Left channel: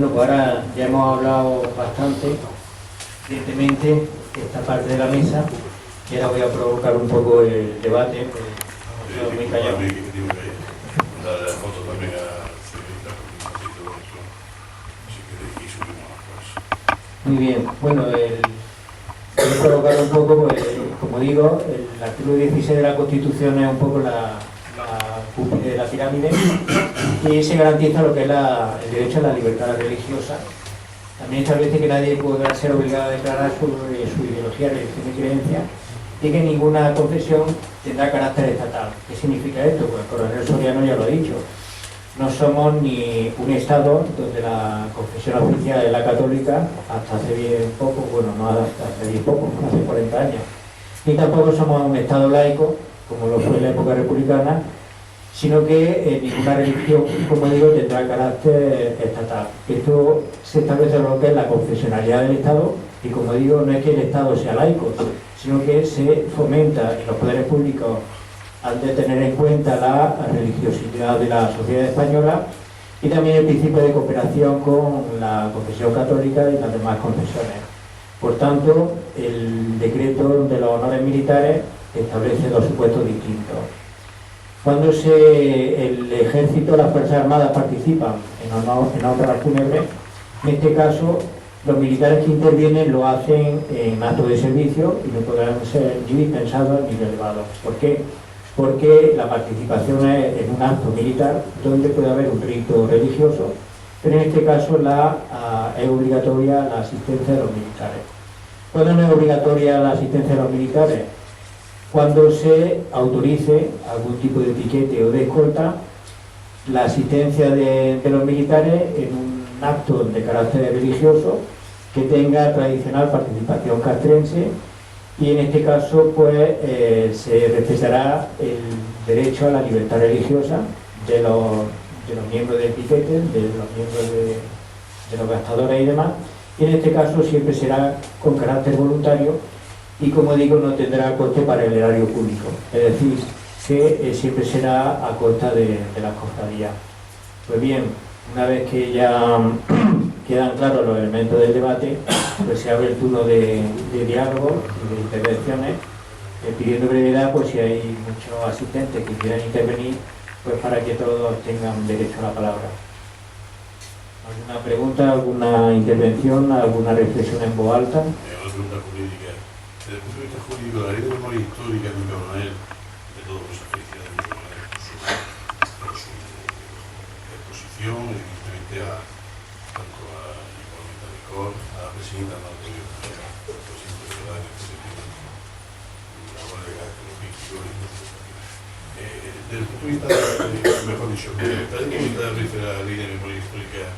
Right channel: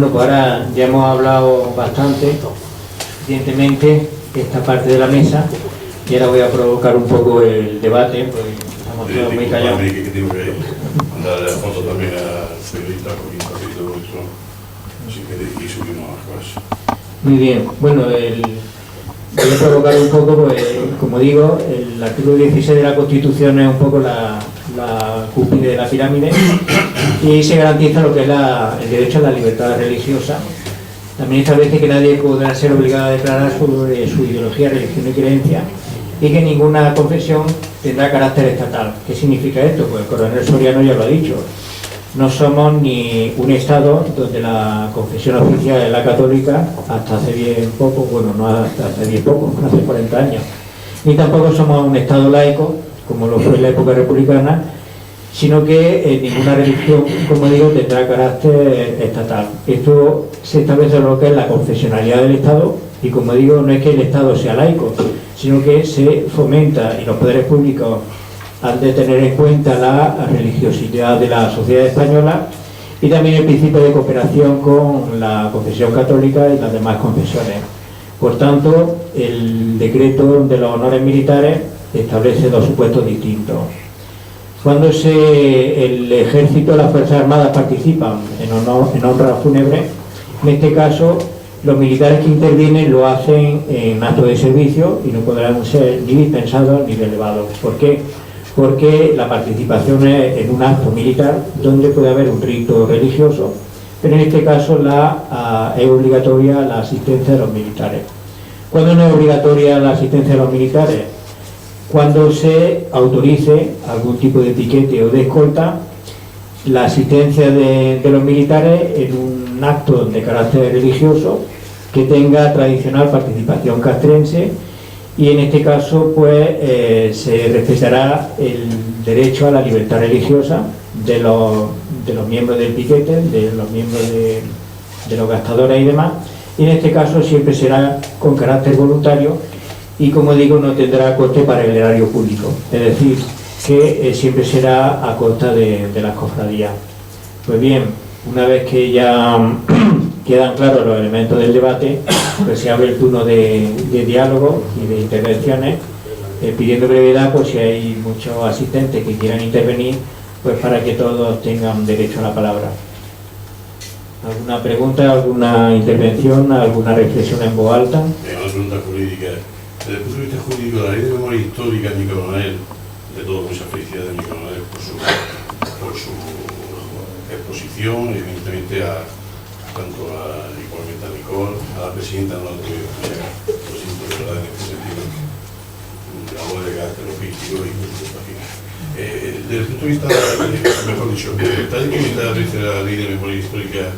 Bueno, pues ahora ya hemos hablado bastante, suficientemente, esta parte de la mesa, y ahora voy a provocar un poco el debate, pues estamos todos muy callados. Que tengo que mandar la foto también a Federica, porque un poquito otro, así que y subimos más cosas. Muy bien, bueno, voy a provocar un poco, pues, como digo, el artículo 16 de la Constitución es un poco la cúspide de la pirámide y se garantiza lo que es el derecho a la libertad religiosa. También establece que nadie podrá ser obligado a declarar sobre su ideología, religión y creencia, y que ninguna confesión tendrá carácter estatal. ¿Qué significa esto? Pues el coronel Soriano ya lo ha dicho. No somos ni un Estado donde la confesión oficial es la católica hasta hace bien poco, bueno, no hasta hace bien poco, hace 40 años. Ni tampoco somos un Estado laico, como lo fue en la época republicana, sino que ninguna religión, como digo, tendrá carácter estatal. Esto se establece en lo que es la confesionalidad del Estado, y como digo, no es que el Estado sea laico, sino que se fomenta, y los poderes públicos han de tener en cuenta la religiosidad de la sociedad española y también el principio de cooperación con la confesión católica y las demás confesiones. Por tanto, el decreto de los honores militares establece dos supuestos distintos. Cuando el ejército, las Fuerzas Armadas participan en honras fúnebres, en este caso los militares que intervienen lo hacen en acto de servicio y no podrán ser ni dispensados ni relevados. ¿Por qué? Porque la participación es en un acto militar donde puede haber un rito religioso, pero en este caso es obligatoria la asistencia de los militares. ¿Cuándo no es obligatoria la asistencia de los militares? Cuando se autorice algún tipo de piquete o de escolta, la asistencia de los militares en un acto de carácter religioso que tenga tradicional participación castrense, y en este caso pues se respetará el derecho a la libertad religiosa de los miembros del piquete, de los miembros de los gastadores y demás, y en este caso siempre será con carácter voluntario y, como digo, no tendrá coste para el erario público, es decir, que siempre será a costa de las cofradías. Pues bien, una vez que ya quedan claros los elementos del debate, pues se abre el turno de diálogo y de intervenciones, pidiendo brevedad, pues si hay muchos asistentes que quieran intervenir, pues para que todos tengan derecho a la palabra. ¿Alguna pregunta, alguna intervención, alguna reflexión en voz alta? Una pregunta jurídica. Desde el punto de vista jurídico, la ley de memoria histórica de mi coronel, de todo mucha felicidad de mi coronel por su exposición, evidentemente tanto igualmente a Nicole, a la presidenta, no la tuvieron que llegar, lo siento de verdad en este sentido, la voz de carácter logístico y por supuesto aquí. Desde el punto de vista, mejor dicho, tal y como está la ley de memoria histórica,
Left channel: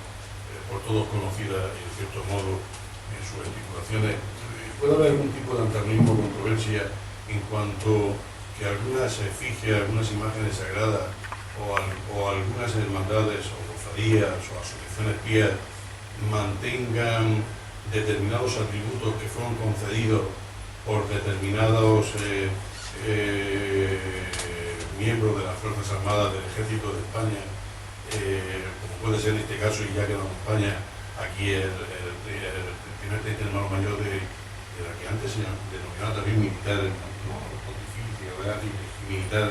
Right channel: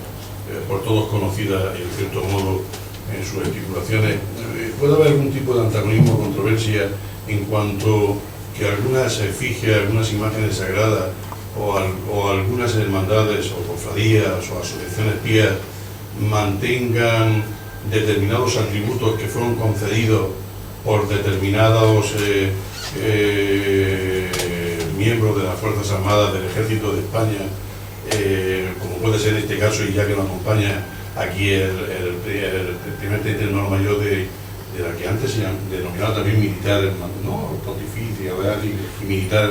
por todos conocida en cierto modo en sus articulaciones, ¿puede haber algún tipo de antagonismo o controversia en cuanto que algunas efigies, algunas imágenes sagradas o algunas hermandades o cofradías o asociaciones pías mantengan determinados atributos que fueron concedidos por determinados miembros de las Fuerzas Armadas del Ejército de España, como puede ser en este caso, y ya que nos acompaña aquí el primer teniente mayor de la que antes se denominaba también militar, no pontificia, y militar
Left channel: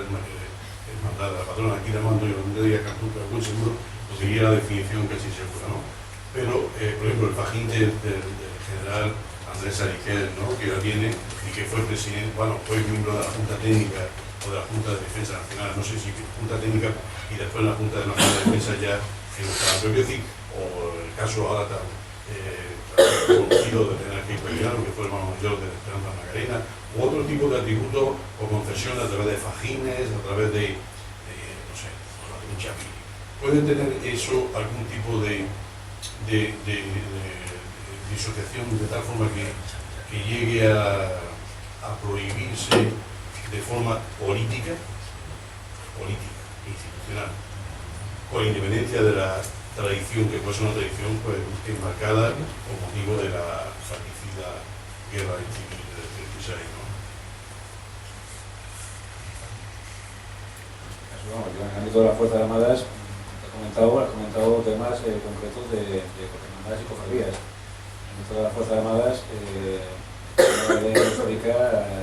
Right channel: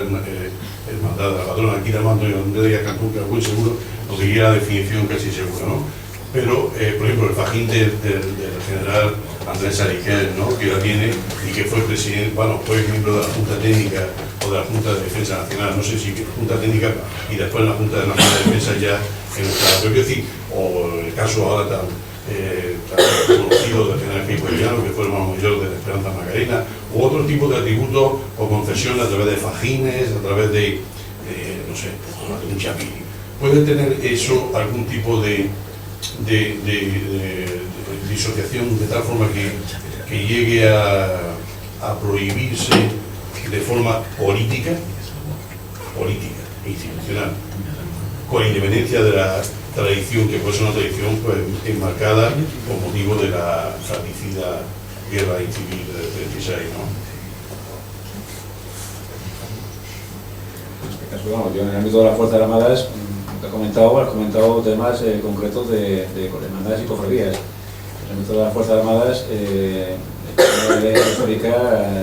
hermandad de la patrona, aquí la mando yo de Cantú, que es muy seguro, conseguiría la definición casi segura, ¿no? Pero, por ejemplo, el fajín del general Andrés Ariquel, ¿no?, que la tiene y que fue presidente, bueno, fue miembro de la Junta Técnica o de la Junta de Defensa Nacional, no sé si Junta Técnica y después la Junta Nacional de Defensa ya en nuestra propia, decir, o el caso ahora tan conocido del general Queipo, que fue el hermano mayor de la Esperanza Macarena, u otro tipo de atributos o concesiones a través de fajines, a través de no sé, de un chapín. ¿Puede tener eso algún tipo de disociación de tal forma que llegue a prohibirse de forma política, institucional, con independencia de la tradición, que puede ser una tradición pues enmarcada con motivo de la fratricida guerra civil del 36, ¿no? En este caso, vamos, yo en el ámbito de las Fuerzas Armadas has comentado temas concretos de hermandades y cofradías. En el ámbito de las Fuerzas Armadas, la ley histórica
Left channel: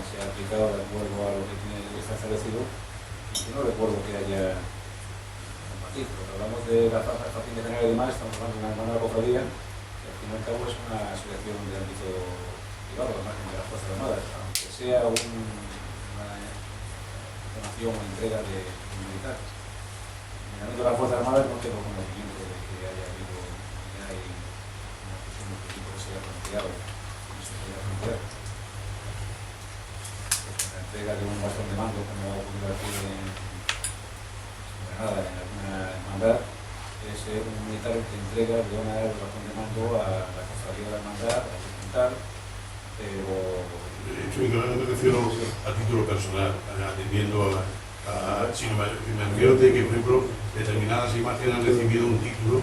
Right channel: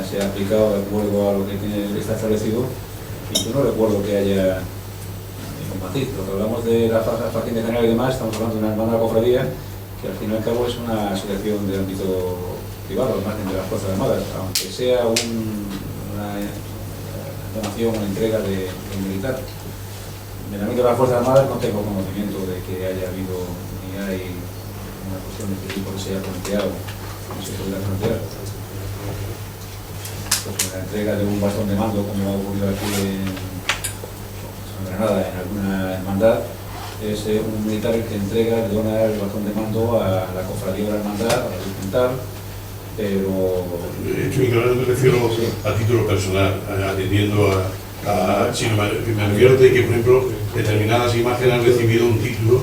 se ha aplicado de acuerdo a lo que está establecido, y yo no recuerdo que haya ningún matiz. Cuando hablamos de las facciones generales y demás, estamos hablando de una hermana cofradía que al fin y al cabo es una asociación de ámbito privado, al margen de las Fuerzas Armadas, aunque sea una donación o entrega de un militar. En el ámbito de las Fuerzas Armadas no tengo conocimiento de que haya habido ni hay una cuestión de este tipo que se haya planteado, no se podría plantear. Pues la entrega de un bastón de mando, como ha ocurrido aquí en Granada, en alguna hermandad, es un militar que entrega, le dona el bastón de mando a la cofradía de la hermandad, a la Virgen tal, pero... Me refiero sí, a título personal, atendiendo si me refiero de que, por ejemplo, determinadas imágenes han recibido un título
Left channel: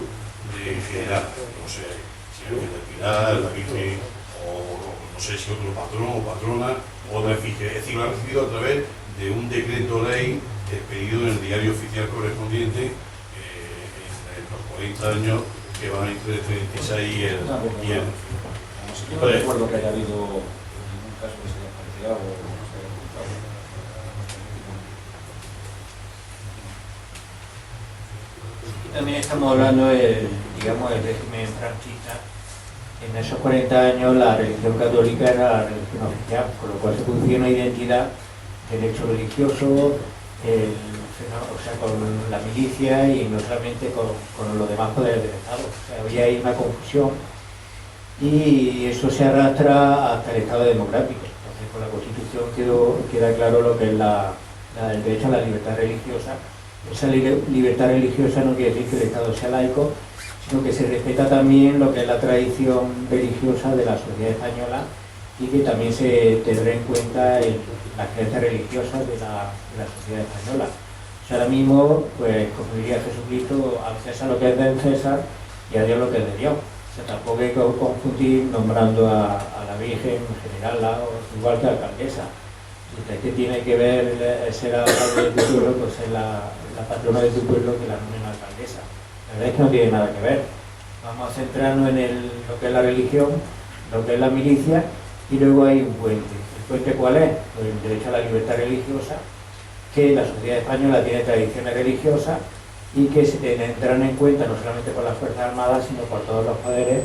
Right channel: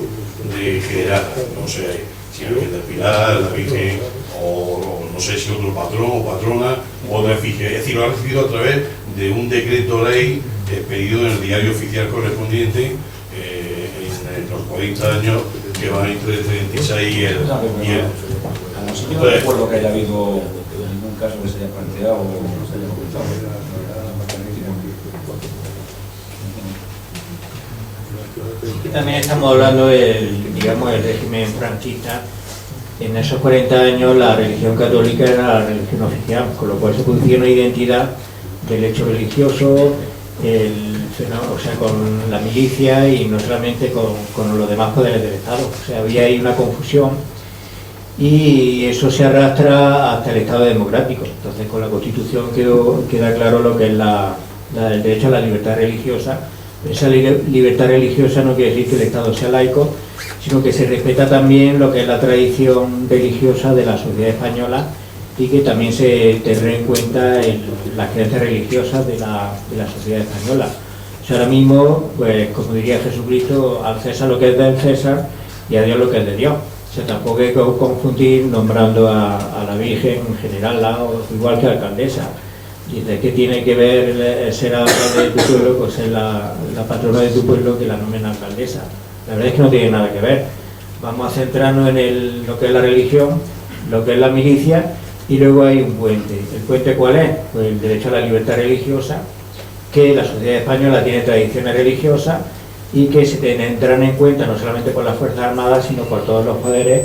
de general, no sé si la Virgen del Pilar, la Virgen, o no sé si otro patrón o patrona, o otra efigie. Es decir, lo ha recibido a través de un decreto ley expedido en el diario oficial correspondiente en los 40 años que van entre el 36 y el... Yo no recuerdo que haya habido ningún caso que se haya planteado o no se haya comentado. Aquí también estamos hablando del, digamos, el régimen franquista. En esos 40 años la religión católica era la religión oficial, con lo cual se producía una identidad del hecho religioso, o sea, con la milicia y no solamente con los demás poderes del Estado. O sea, había ahí una confusión y eso se arrastra hasta el Estado democrático. Entonces, con la Constitución queda claro lo que es el derecho a la libertad religiosa. Esa libertad religiosa no quiere decir que el Estado sea laico, sino que se respeta también lo que es la tradición religiosa de la sociedad española y que también se tendrá en cuenta las creencias religiosas de la sociedad española. O sea, ahora mismo, pues como diría Jesucristo, al César lo que es del César y a Dios lo que es de Dios. O sea, tampoco hay que confundir nombrando a la Virgen generala o igual que alcaldesa. Dice que tiene que ver ser alcalde de tu pueblo, pues ser la patrona de tu pueblo que la nombren alcaldesa. La verdad es que no tiene nada que ver. Vamos a centrarnos en lo que es la religión, lo que es la milicia, y luego hay un puente. ¿El puente cuál es? Pues el derecho a la libertad religiosa, que la sociedad española tiene tradiciones religiosas y que se tendrán en cuenta no solamente por las Fuerzas Armadas, sino por todos los poderes,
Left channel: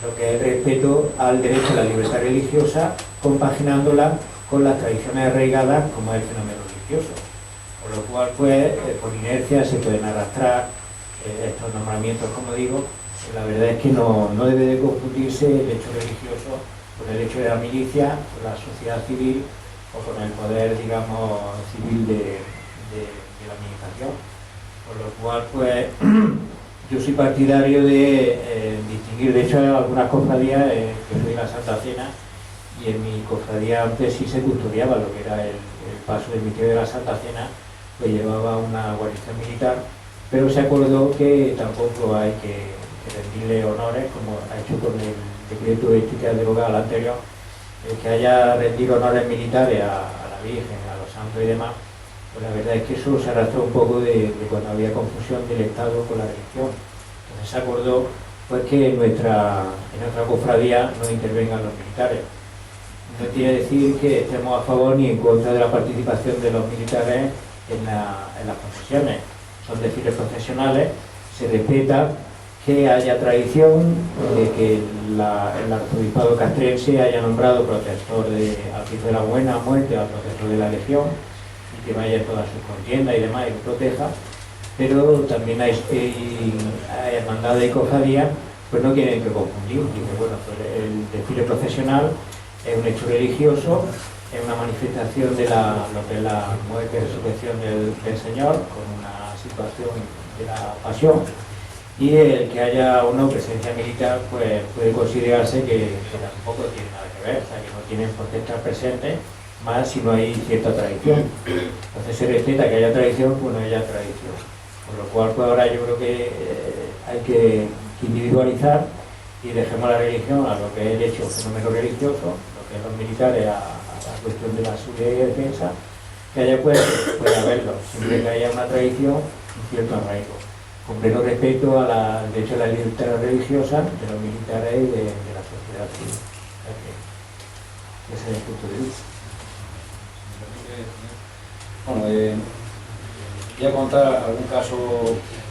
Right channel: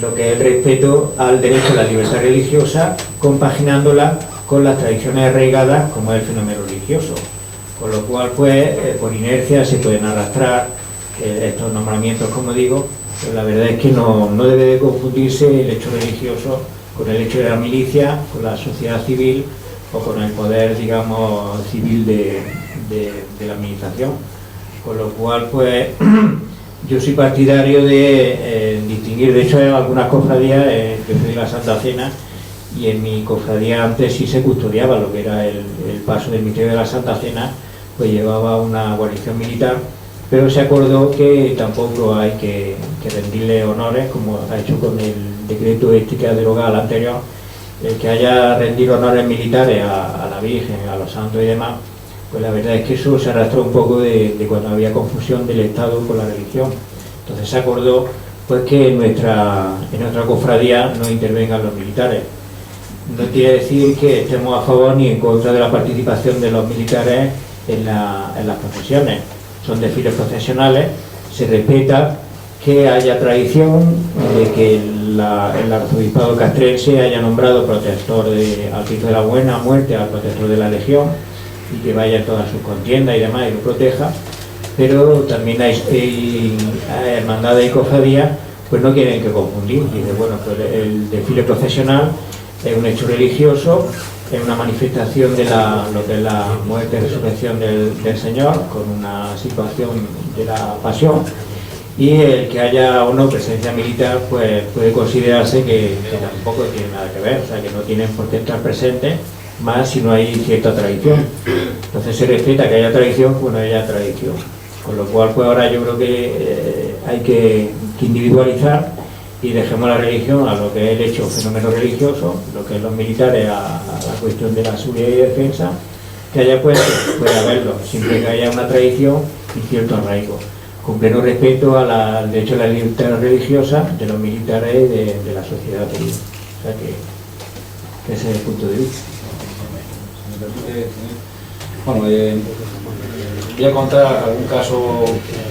lo que es el respeto al derecho a la libertad religiosa, compaginándola con las tradiciones arraigadas como es el fenómeno religioso, con lo cual pues por inercia se pueden arrastrar estos nombramientos, como digo, pero la verdad es que no debe de confundirse el hecho religioso con el hecho de la milicia, con la sociedad civil o con el poder, digamos, civil de la administración, con lo cual pues yo soy partidario de distinguir. De hecho hay algunas cofradías, yo soy de la Santa Cena, y en mi cofradía antes sí se custodiaba lo que era el paso del misterio de la Santa Cena, pues llevaba una guarnición militar, pero se acordó que tampoco hay que rendirle honores, como ha hecho con el decreto este que ha derogado al anterior, el que haya rendido honores militares a la Virgen, a los santos y demás. Pues la verdad es que eso se arrastró un poco de cuando había confusión del Estado con la religión. Entonces se acordó pues que en nuestra cofradía no intervengan los militares. No quiere decir que estemos a favor ni en contra de la participación de los militares en las procesiones. Son desfiles procesionales, se respeta que haya tradición de que el arzobispado castrense haya nombrado protector al Cristo de la Buena Muerte, al protector de la Legión, y que vaya en todas sus contiendas y demás y lo proteja, pero también hay hermandades y cofradías pues no quieren que confundir. Dice, bueno, pues el desfile procesional es un hecho religioso, es una manifestación de lo que es la muerte y resurrección del Señor, con una situación de la pasión, y el que haya o no presencia militar pues puede considerarse que tampoco tiene nada que ver, o sea que no tienen por qué estar presentes, más si no hay cierta tradición. Entonces se respeta que haya tradición cuando haya tradición, con lo cual pues ahora yo creo que hay que individualizar y dejemos la religión a lo que es el hecho fenómeno religioso, lo que es los militares a la cuestión de la seguridad y defensa, que haya puede haberlo, siempre que haya una tradición y cierto arraigo. con pleno respeto al derecho a la libertad religiosa de los militares y de la sociedad civil. O sea que ese es el punto de vista. Bueno, voy a contar algún caso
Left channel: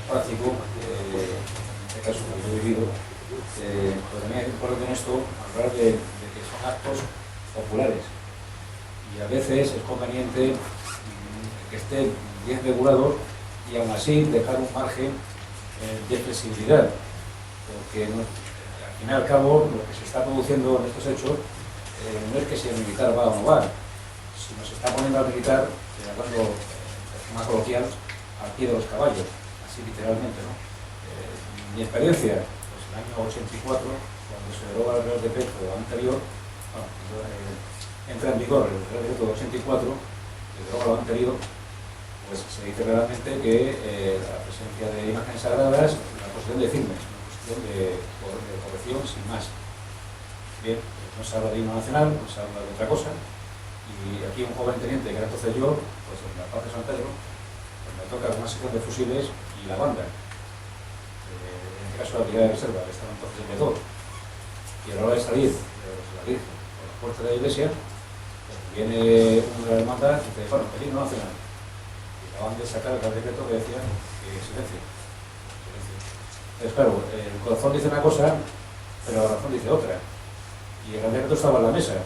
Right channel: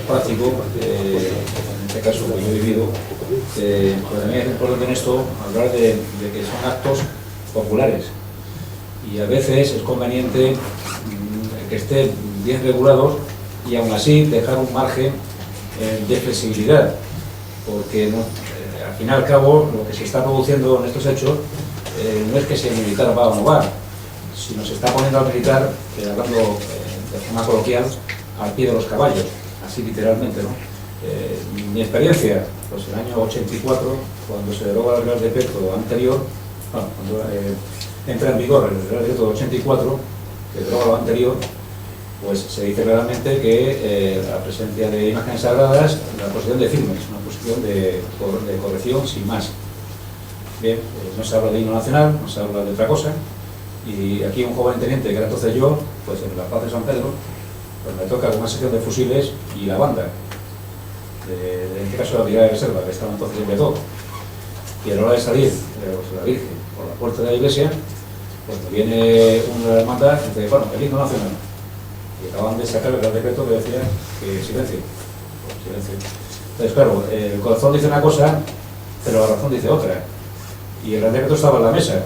práctico, en este caso que yo he vivido, pero también es importante en esto hablar de que son actos populares y a veces es conveniente que estén bien regulados y aún así dejar un margen de flexibilidad, porque al fin y al cabo lo que se está produciendo en estos hechos no es que si el militar va o no va, sino se está poniendo al militar, hablando de forma coloquial, al pie de los caballos, así literalmente, ¿no? Mi experiencia, pues en el año 84, cuando se deroga el Real Decreto anterior, bueno, cuando entra en vigor el Real Decreto 84, que deroga lo anterior, pues se dice claramente que la presencia de imágenes sagradas, la posición de firmes, una posición de corrección sin más. Bien, no se habla de himno nacional, no se habla de otra cosa, y aquí un joven teniente, que era entonces yo, pues en la Paz de San Pedro, pues me toca una sección de fusiles y la banda, en este caso la brigada de reserva, que estaba entonces en Betó, y a la hora de salir, la Virgen, por la puerta de la iglesia, pues me viene una hermandad y dice, bueno, el himno nacional. Y acaban de sacar el Real Decreto que decía que silencio. Silencio. Entonces, claro, el corazón dice una cosa, pero la razón dice otra. Y el Real Decreto estaba en la mesa,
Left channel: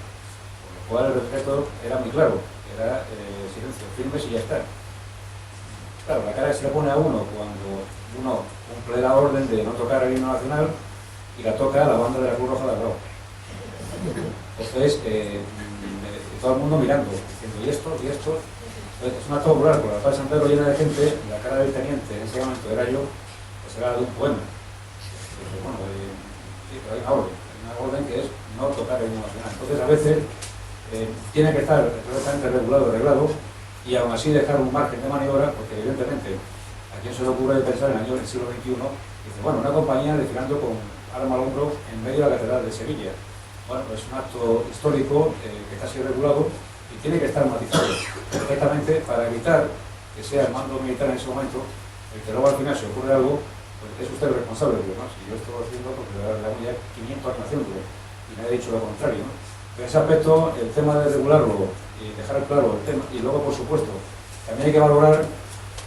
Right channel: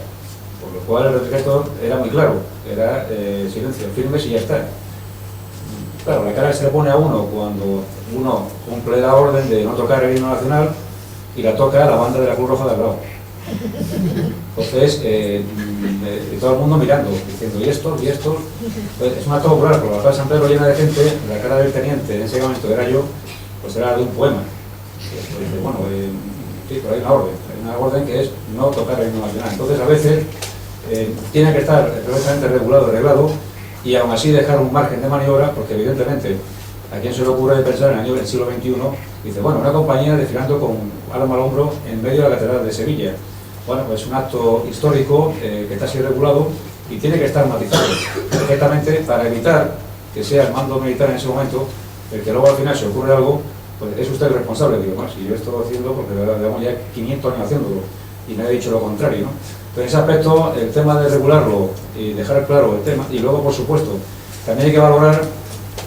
por lo cual el Real Decreto era muy claro, era silencio, firmes y ya está. Claro, la cara que se le pone a uno cuando uno cumple la orden de no tocar el himno nacional y la toca la banda de la Cruz Roja de al lado. Entonces, y todo el mundo mirando, diciendo, ¿y estos? ¿Y estos? Pues es un acto popular, por la Plaza de San Pedro llena de gente, la cara del teniente, en ese momento era yo, pues era de un poema. Y dice, bueno, sí, pero hay una orden que es no tocar el himno nacional. Entonces, a veces, tiene que estar perfectamente regulado, arreglado, y aún así dejar un margen de maniobra, porque evidentemente, a quien se le ocurre pensar en el siglo XXI, dice, bueno, una compañía desfilando con arma al hombro en medio de la Catedral de Sevilla. Bueno, pues es un acto histórico que está así regulado y tiene que estar matizado perfectamente para evitar que sea el mando militar en ese momento el que luego al final se ocurre algo, pues es usted el responsable. Digo, no, si yo estoy haciendo, porque llevamos ya 500 años haciéndolo y no he dicho lo contrario, ¿no? Entonces, en ese aspecto, el tema de regularlo y dejar claro el tema, y luego, por supuesto, también hay que valorar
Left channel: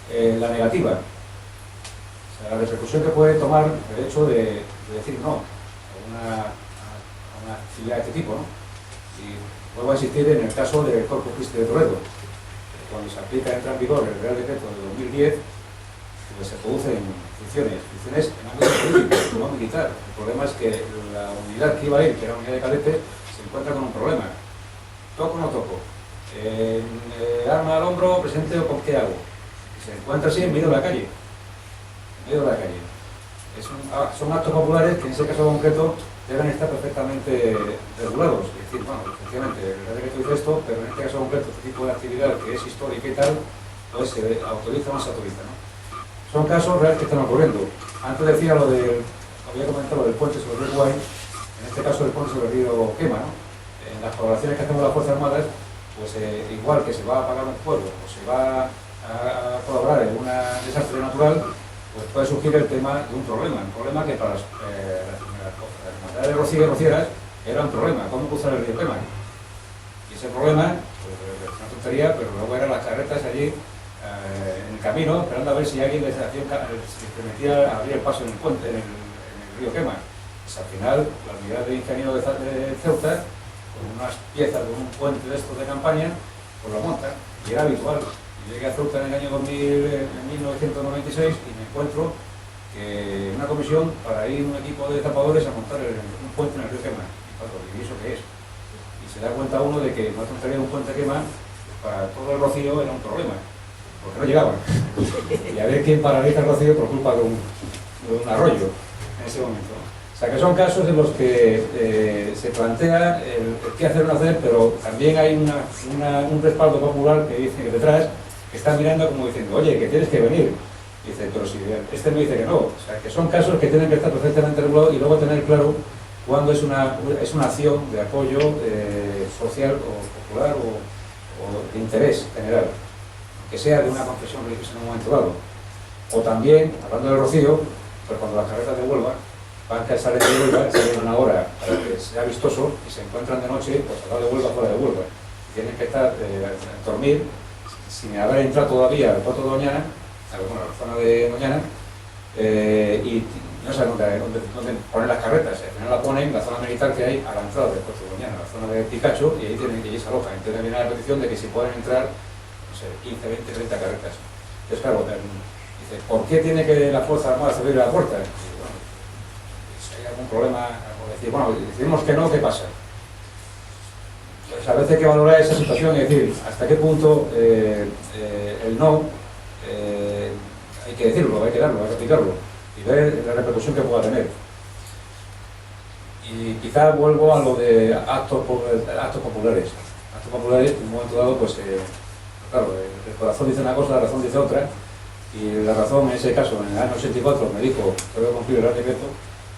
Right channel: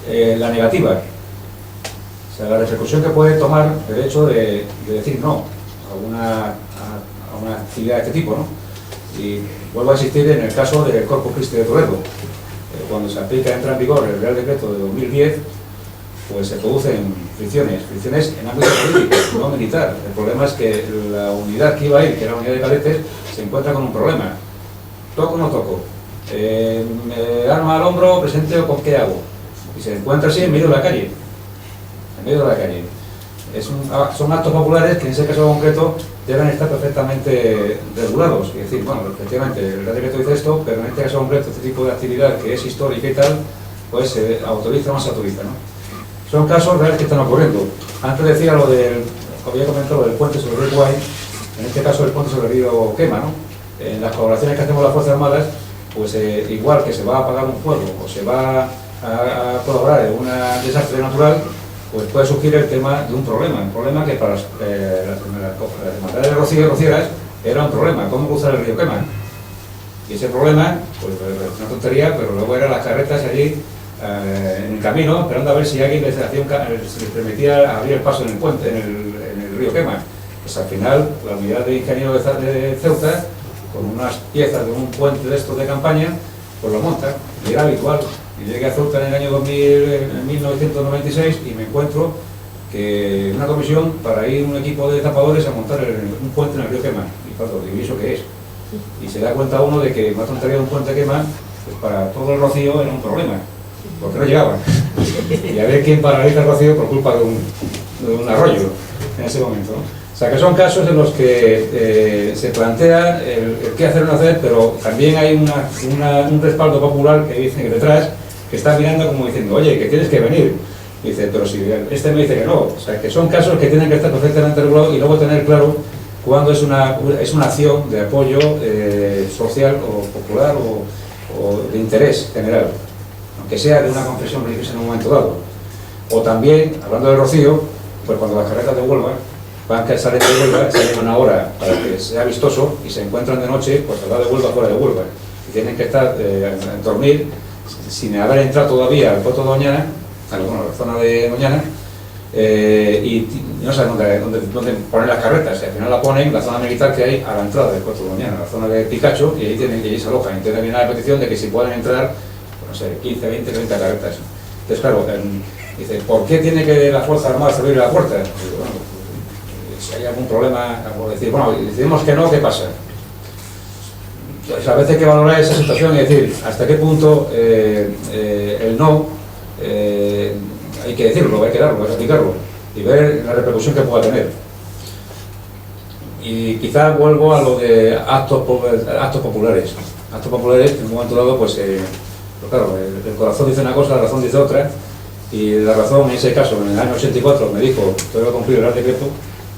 la negativa, o sea, la repercusión que puede tomar el hecho de decir no a una actividad de este tipo, ¿no? Y vuelvo a insistir en el caso del Corpus Christi de Toledo. Cuando se aplica, entra en vigor el Real Decreto de 2010, pues se producen fricciones en ámbito político, no militar. El problema es que la unidad que iba a ir, que era la unidad de cadetes, se encuentra con un problema. ¿Toco o no toco? ¿Arma al hombro, presente o con qué hago? Y se encuentra así en medio de la calle. En medio de la calle. Son actos populares que en ese caso concreto deben estar perfectamente regulados. Es decir, bueno, efectivamente, el Real Decreto dice esto, pero en este caso concreto, este tipo de actividad que es histórica y tal, pues se autoriza o no se autoriza, ¿no? Son casos reales que están ocurriendo. Antes decía lo del, había comentado del puente sobre el río Guay, en este caso el puente sobre el río Quema, ¿no? En las colaboraciones que hacemos las Fuerzas Armadas, pues igual que se va a apagar un fuego o se va a colaborar en un desastre natural, pues puede surgir el tema de un problema que para las hermandades de Rocío y rocieras era un problema, ¿cómo cruzar el río Quema? Y ese problema, pues una tontería, pero luego eran las carretas allí en el camino, esperando a ver si alguien les permitía abrir el paso en el puente, en el río Quema. Pues al final, la unidad de ingenieros de Ceuta, con unas piezas de un puente de estos de campaña, pues lo monta, y era habitual. Y llegué a Ceuta en el año 1996 y me encuentro que una comisión para ir un equipo de tapadores a montar un puente en el río Quema. Y claro, ¿y eso qué es? Y se da cuenta uno de que una tontería de un puente Quema, pues para todo el Rocío era un problema, porque no llegaba. Y a ver quién paraliza el Rocío por culpa de un arroyo en ese momento, ¿no? O sea, que son casos en los que se plantea el qué hacer o no hacer, pero también hay un respaldo popular que dice que detrás, que está mirando como diciendo, oye, que tienes que venir. Y dice, pero si este me dice que no. O sea, que son casos que tienen que estar perfectamente regulados y luego tener claro cuándo es una acción de apoyo social o popular o de interés general, aunque sea de una confesión religiosa en un momento dado. O también, hablando del rocío, pues cuando las carretas de Huelva van a salir de Huelva, salen una hora para que sea vistoso y se encuentran de noche, pues al lado de Huelva, fuera de Huelva. Y tienen que estar, dormir, sin haber entrado todavía al puerto de Doñana, a la zona de Doñana, y no saben dónde poner las carretas. Al final la ponen en la zona militar que hay a la entrada del puerto de Doñana, la zona de Picacho, y ahí se alojan. Entonces viene la petición de que si pueden entrar, no sé, 15, 20, 30 carretas. Entonces, claro, dice, ¿por qué tiene que la Fuerza Armada abrir la puerta? Pues, bueno, si hay algún problema, o decir, bueno, decidimos que no, ¿qué pasa? Pues a veces hay que valorar esa situación y decir hasta qué punto el no hay que decirlo, hay que darlo, hay que explicarlo y ver la repercusión que pueda tener. Y quizás vuelvo a lo de actos populares. Actos populares, en un momento dado, pues claro, el corazón dice una cosa, la razón dice otra, y la razón en ese caso, en el año 84, me dijo que voy a cumplir el decreto.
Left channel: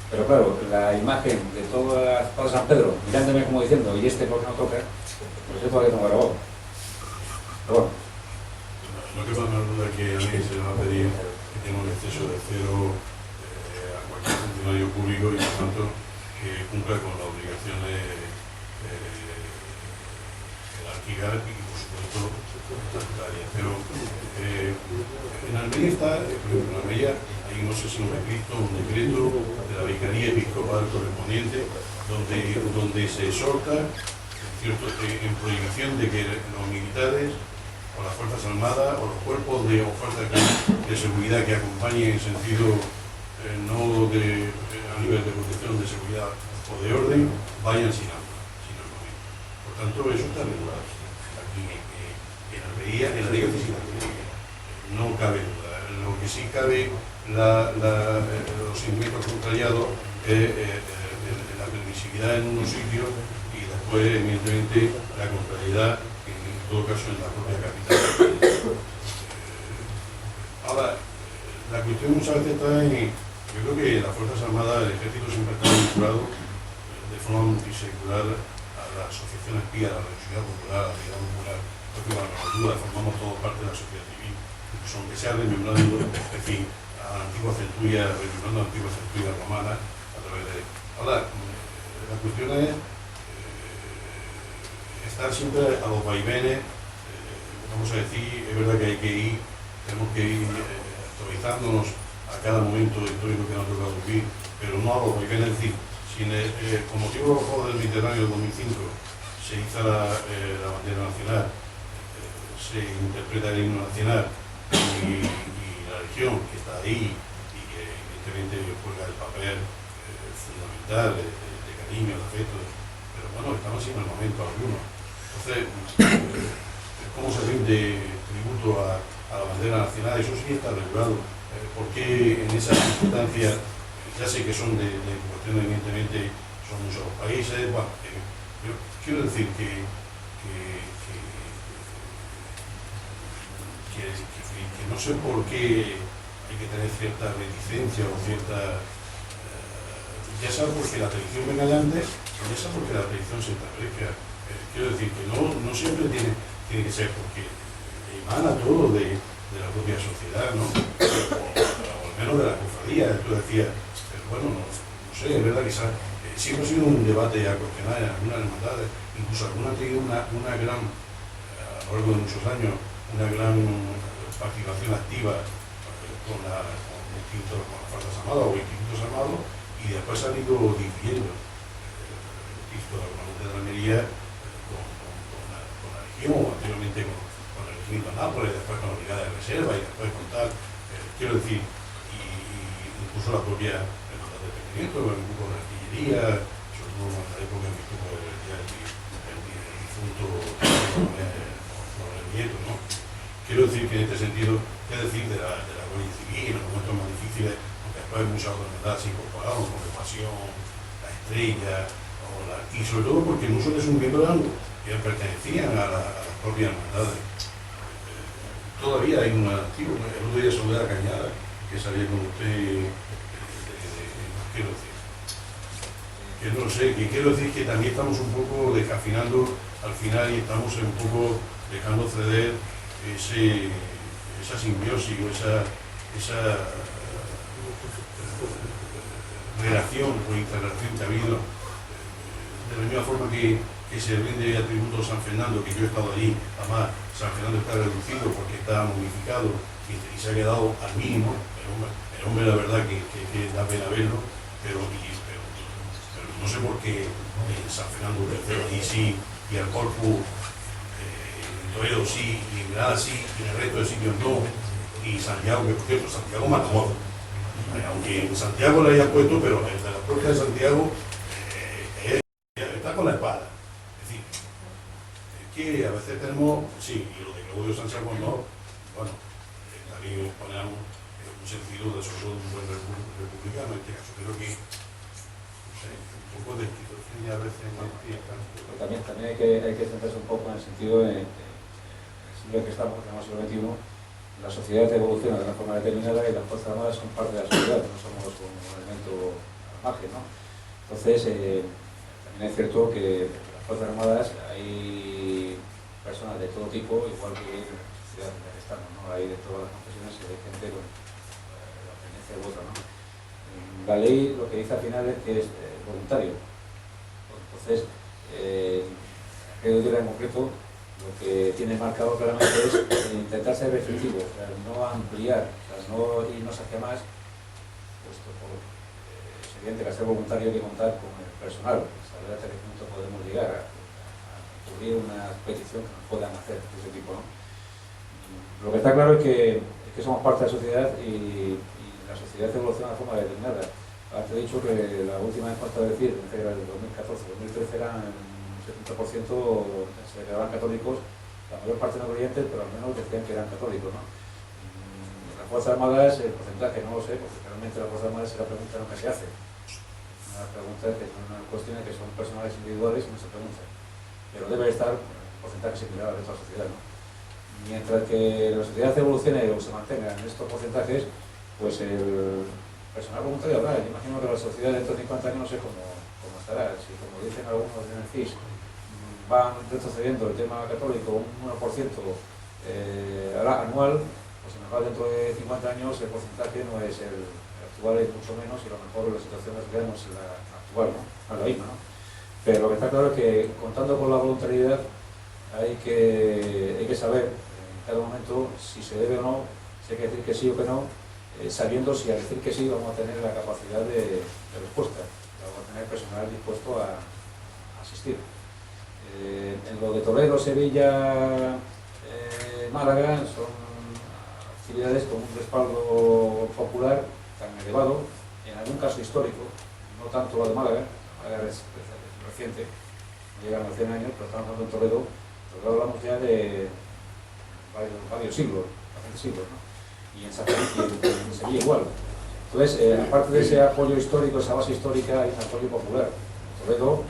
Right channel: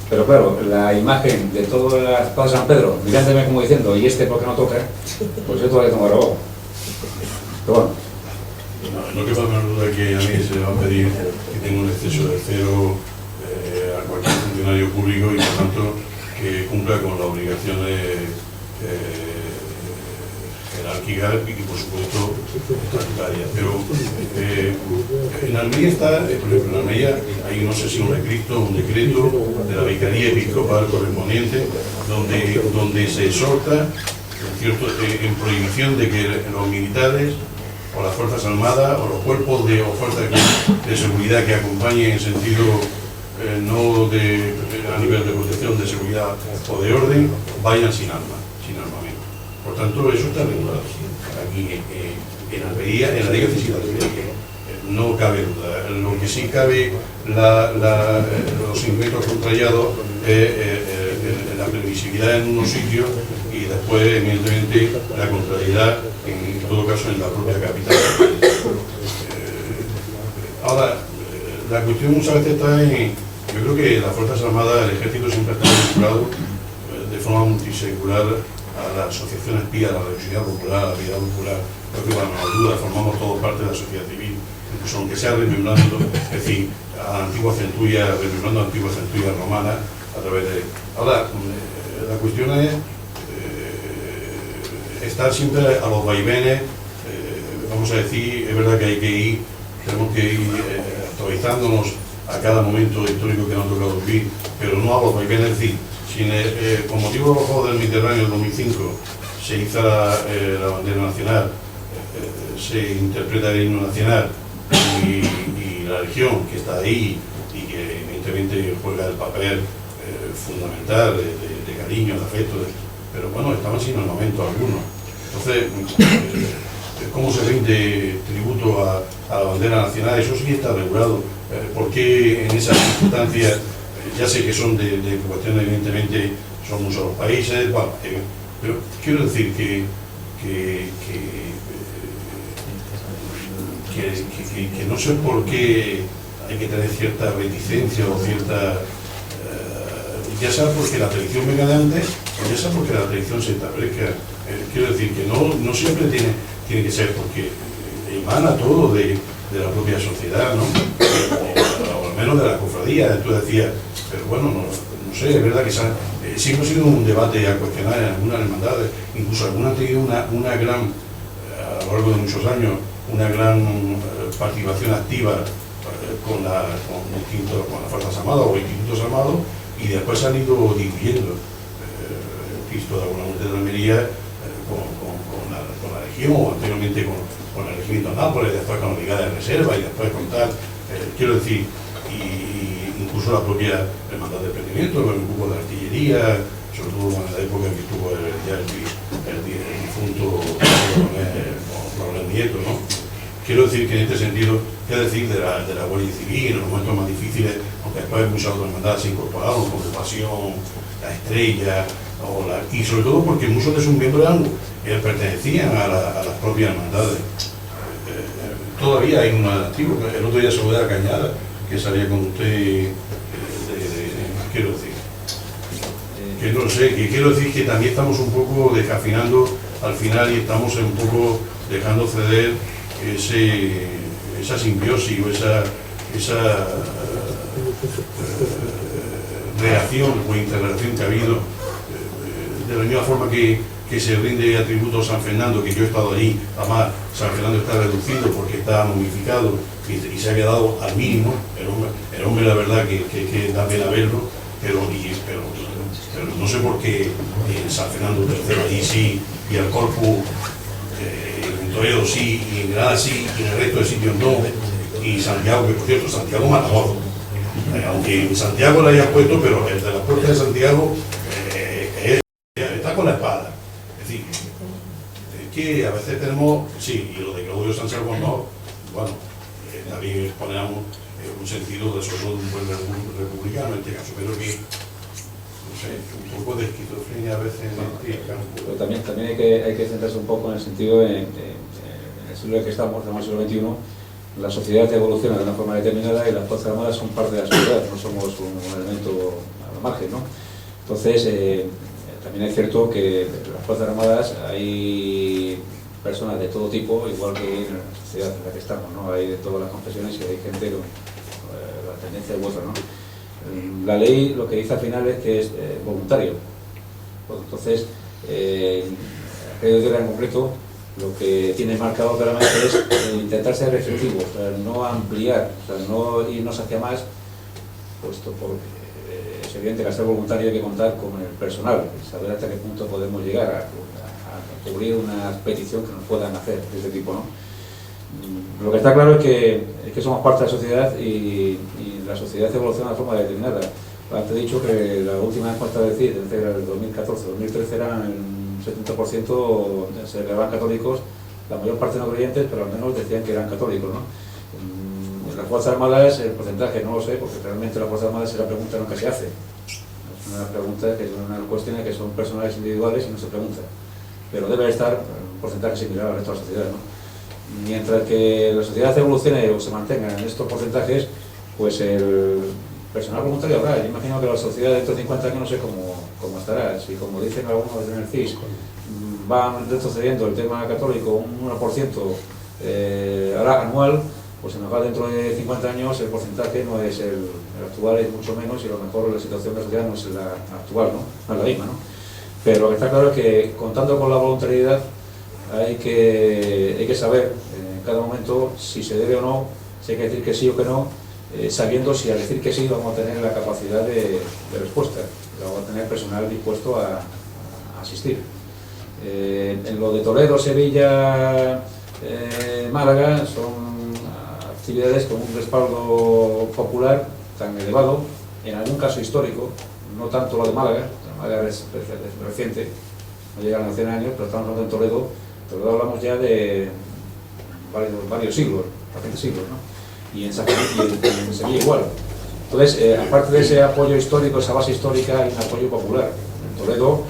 Pero claro, la imagen de todo San Pedro mirándome como diciendo, ¿y este por qué no toca? Pues yo todavía tengo grabado. Pero bueno. No quepa la menor duda que a mí se le va a pedir que tenga un exceso de cero a cualquier funcionario público y por tanto que cumpla con las obligaciones jerárquicas y por supuesto estatutarias. Pero en Almería está, por ejemplo, en Almería hay no sé si un decreto de la Vicaría Episcopal correspondiente donde se exhorta en prohibición de que los militares o las Fuerzas Armadas o los cuerpos de fuerzas de seguridad que acompañen en sentido no a nivel de protección, de seguridad o de orden, vayan sin armas, sin armamento. Por tanto, eso está regulado aquí en Almería, en la Liga Física de Almería. No cabe duda. Lo que sí cabe, los inventos contrariados es la permisividad en unos sitios y después, evidentemente, la contrariedad, en todo caso, en la propia capital. Ahora, la cuestión muchas veces está en, yo creo que las Fuerzas Armadas, el Ejército siempre está vinculado de forma multisecular a la asociación espía, a la religiosidad popular, a la vida popular, porque bueno, no hay duda, formamos todos parte de la sociedad civil, incluso aunque sea remembrando, es decir, a la antigua centuria, remembrando a la antigua centuria romana, a través de... Ahora, la cuestión es estar siempre a los vaivenes, vamos a decir, es verdad que hay que ir, tenemos que ir actualizándonos a cada momento histórico que nos ha tocado vivir, pero no a los vaivenes, es decir, si con motivo de los Juegos del Mediterráneo del 2005 se hizo la bandera nacional, se interpreta el himno nacional y la religión que está ahí y que evidentemente juega el papel fundamental de cariño, de afecto, pero bueno, estamos sin armamento alguno. Entonces, ¿cómo se rinde tributo a la bandera nacional? Eso sí está regulado. ¿Por qué en esas circunstancias, ya sé que son de cuestiones, evidentemente, son muchos los países, bueno, pero quiero decir que no sé por qué hay que tener cierta reticencia o cierta... ya sea porque la tradición venga de antes, o ya sea porque la tradición se establezca. Quiero decir que no siempre tiene que ser porque emana todo de la propia sociedad, ¿no? O al menos de la cofradía, tú decías, pero bueno, no sé, es verdad que siempre ha sido un debate a cuestionar en algunas hermandades, incluso algunas han tenido una gran, a lo largo de muchos años, una gran participación activa con las Fuerzas Armadas o institutos armados, y después han ido diluyendo. Cristo de alguna manera de Almería con la Legión, o anteriormente con el Regimiento Nápoles, después con la Brigada de Reserva y después con tal, quiero decir, y incluso la propia Hermandad de Prendimiento, con el grupo de artillería, sobre todo en la época que estuvo el difunto Coronel Nieto, ¿no? Quiero decir que en este sentido, qué decir de la Guardia Civil, en los momentos más difíciles, aunque después muchas otras hermandades se incorporaron, como Pasión, la Estrella, y sobre todo porque muchos de sus miembros pertenecían a las propias hermandades. Todavía hay un activo, el otro día Soledad Cañada, que salía con usted, quiero decir, que no sé, que quiero decir que también estamos un poco descafinando al final y estamos un poco dejando ceder esa simbiosis o relación o interrelación que ha habido, de la misma forma que se rinde atributo a San Fernando, que yo he estado allí. Además, San Fernando está reducido porque está momificado y se ha quedado al mínimo. El hombre la verdad que da pena verlo, pero no sé por qué en San Fernando III allí sí, y el Corpus en Toledo sí, y en Granada sí, y en el resto de sitios no, y Santiago, que por cierto, Santiago Matamoros, aunque en Santiago lo hayan puesto, pero el de las puertas de Santiago está con la espada. Es decir, es que a veces tenemos, sí, y lo de Claudio Sánchez Albornoz, bueno, también ponemos un sentido de, sobre todo, de un buen republicano en este caso, pero que, no sé, un poco de esquizofrenia a veces en este campo. Pero también hay que centrarse un poco en el sentido en el siglo en que estamos, en el siglo XXI, la sociedad evoluciona de una forma determinada y las Fuerzas Armadas son parte de la sociedad, no somos un elemento al margen, ¿no? Entonces, también es cierto que en las Fuerzas Armadas hay personas de todo tipo, igual que en la sociedad en la que estamos, ¿no? Hay de todas las confesiones y hay gente con la tendencia u otra, ¿no? La ley lo que dice al final es que es voluntario. Entonces, aquello de en concreto, lo que tiene marcado claramente es intentar ser restrictivo, o sea, no ampliar, o sea, no irnos hacia más, puesto porque es evidente que al ser voluntario hay que contar con el personal, saber hasta qué punto podemos llegar a cubrir una petición que nos puedan hacer de este tipo, ¿no? Lo que está claro es que somos parte de la sociedad y la sociedad evoluciona de forma determinada. Antes he dicho que la última encuesta de CID, entre el 2014-2013, eran un 70% se declaraban católicos, la mayor parte no creyentes, pero al menos decían que eran católicos, ¿no? En las Fuerzas Armadas, el porcentaje no lo sé, porque realmente las Fuerzas Armadas es la pregunta nunca se hace. Es una pregunta que son unas cuestiones que son personales individuales y no se pregunta. Pero debe estar un porcentaje similar al resto de la sociedad, ¿no? Mientras que la sociedad evolucione o se mantenga en estos porcentajes, pues el personal voluntario habrá. Yo imagino que la sociedad dentro de 50 años no sé cómo estará. Si, como dicen algunos en el CIS, van retrocediendo el tema católico un 1% ahora anual, pues a lo mejor dentro de 50 años el porcentaje no es el actual, es mucho menos, y a lo mejor la situación de la sociedad no es la actual, no es la misma, ¿no? Pero lo que está claro es que, contando con la voluntariedad, hay que saber en cada momento si se debe o no, si hay que decir que sí o que no, sabiendo si al decir que sí vamos a tener la capacidad de respuesta, vamos a tener personal dispuesto a asistir. En lo de Toledo, Sevilla, Málaga, son actividades con un respaldo popular tan elevado, en algún caso histórico, no tanto la de Málaga. Málaga es reciente, no llega a los 100 años, pero estamos hablando en Toledo hablamos ya de varios siglos, bastantes siglos, ¿no? Y en Sevilla igual. Entonces, aparte de ese apoyo histórico, esa base histórica, hay un apoyo popular. En Toledo,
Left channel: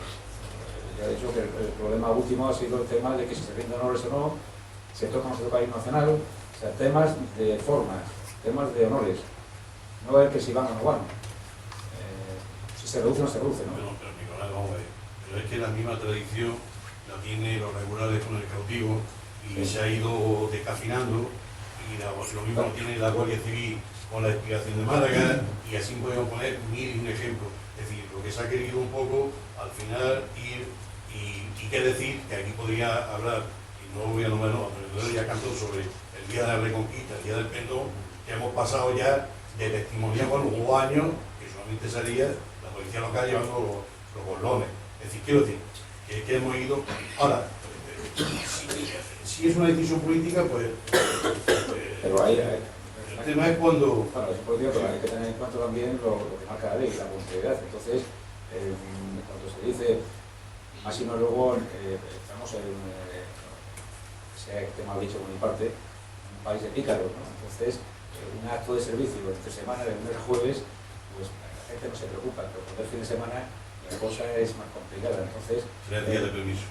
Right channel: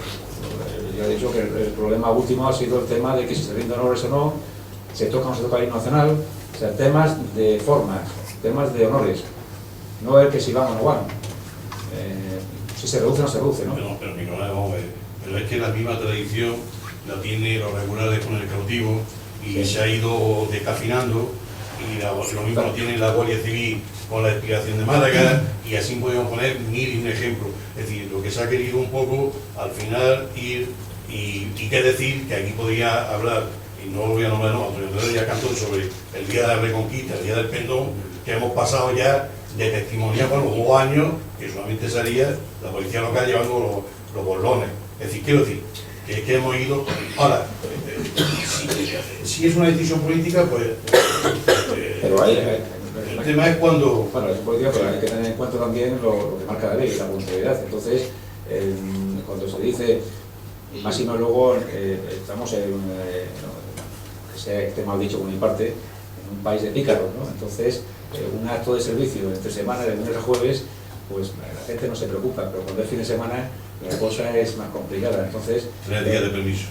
ya he dicho que el problema último ha sido el tema de que si se rinden honores o no, se toca o no se toca el himno nacional, o sea, temas de formas, temas de honores, no el que si van o no van. Si se reduce o no se reduce, ¿no? Pero Nicolás, vamos a ver, pero es que la misma tradición la tiene los regulares con el cautivo y sí, se ha ido descafinando, y lo mismo lo tiene la Guardia Civil con la expiración de Málaga, y así podemos poner mil y un ejemplos. Es decir, lo que se ha querido un poco al final ir, y qué decir, que aquí podría hablar, y no lo voy a nombrar, no, Antonio Herrera ya cantó sobre el Día de la Reconquista, el Día del Pendón, que hemos pasado ya de testimoniar, bueno, hubo años que solamente salía la policía local llevando los borlones. Es decir, quiero decir, que es que hemos ido. Ahora, si es una decisión política, pues pero el tema es cuando... Bueno, es política, pero hay que tener en cuenta también lo que marca la ley, la voluntariedad. Entonces, cuando se dice, y más y más luego, estamos en, que sea esté mal dicho por mi parte, en un país de pícaros, ¿no? Entonces, un acto de servicio entre semana, de lunes a jueves, pues la gente no se preocupa, pero cuando es fin de semana la cosa es más complicada. Entonces, 3 días de permiso.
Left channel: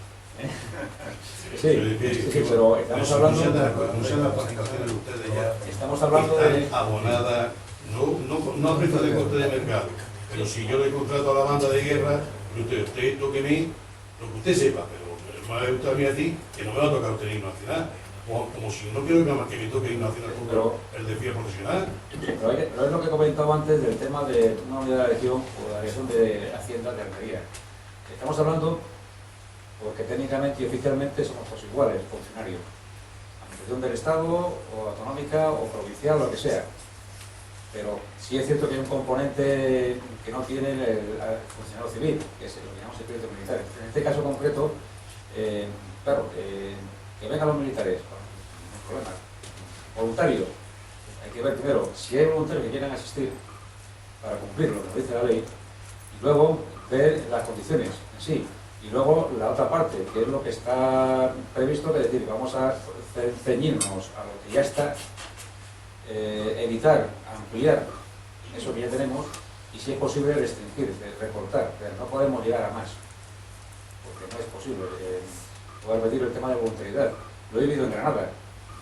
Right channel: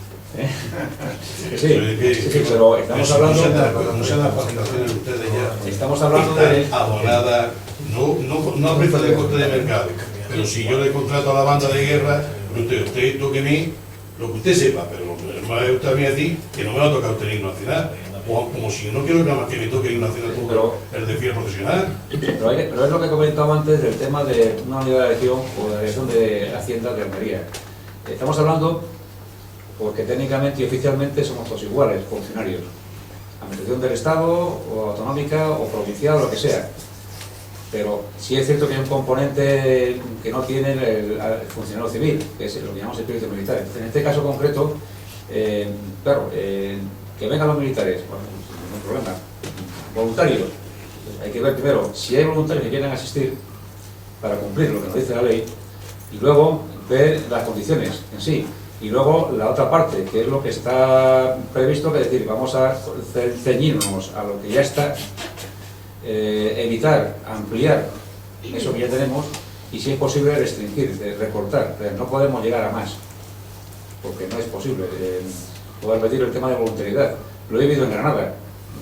Sí, pero estamos hablando... Muchas de las participaciones de ustedes ya estamos hablando están abonadas, no a precio de coste de mercado, pero si yo le contrato a la banda de guerra, usted toque a mí lo que usted sepa, pero no me gusta a mí decir que no me va a tocar usted el himno nacional. como si no quiero que me toque ir nacional todo el desfile profesional. Pero es lo que he comentado antes del tema de una unidad de elección o de la elección de Hacienda de Almería. Estamos hablando porque técnicamente y oficialmente somos todos iguales, funcionarios. Administración del Estado, o autonómica, o provincial, o lo que sea. Pero sí es cierto que hay un componente que no tiene el funcionario civil, que es lo que llamamos espíritu militar. En este caso concreto, claro, que vengan los militares, bueno, no hay problema. Voluntarios, hay que ver primero si hay voluntarios que quieran asistir para cumplir lo que nos dice la ley, y luego ver las condiciones en sí. Y luego la otra parte, que es lo que está previsto, que es decir, vamos a ceñirnos a lo que ya está, evitar, ampliar eso que ya tenemos, y si es posible restringir, recortar, pero no podemos llegar a más, porque no es posible. Puedo repetir el tema de voluntariedad, lo he vivido en Granada.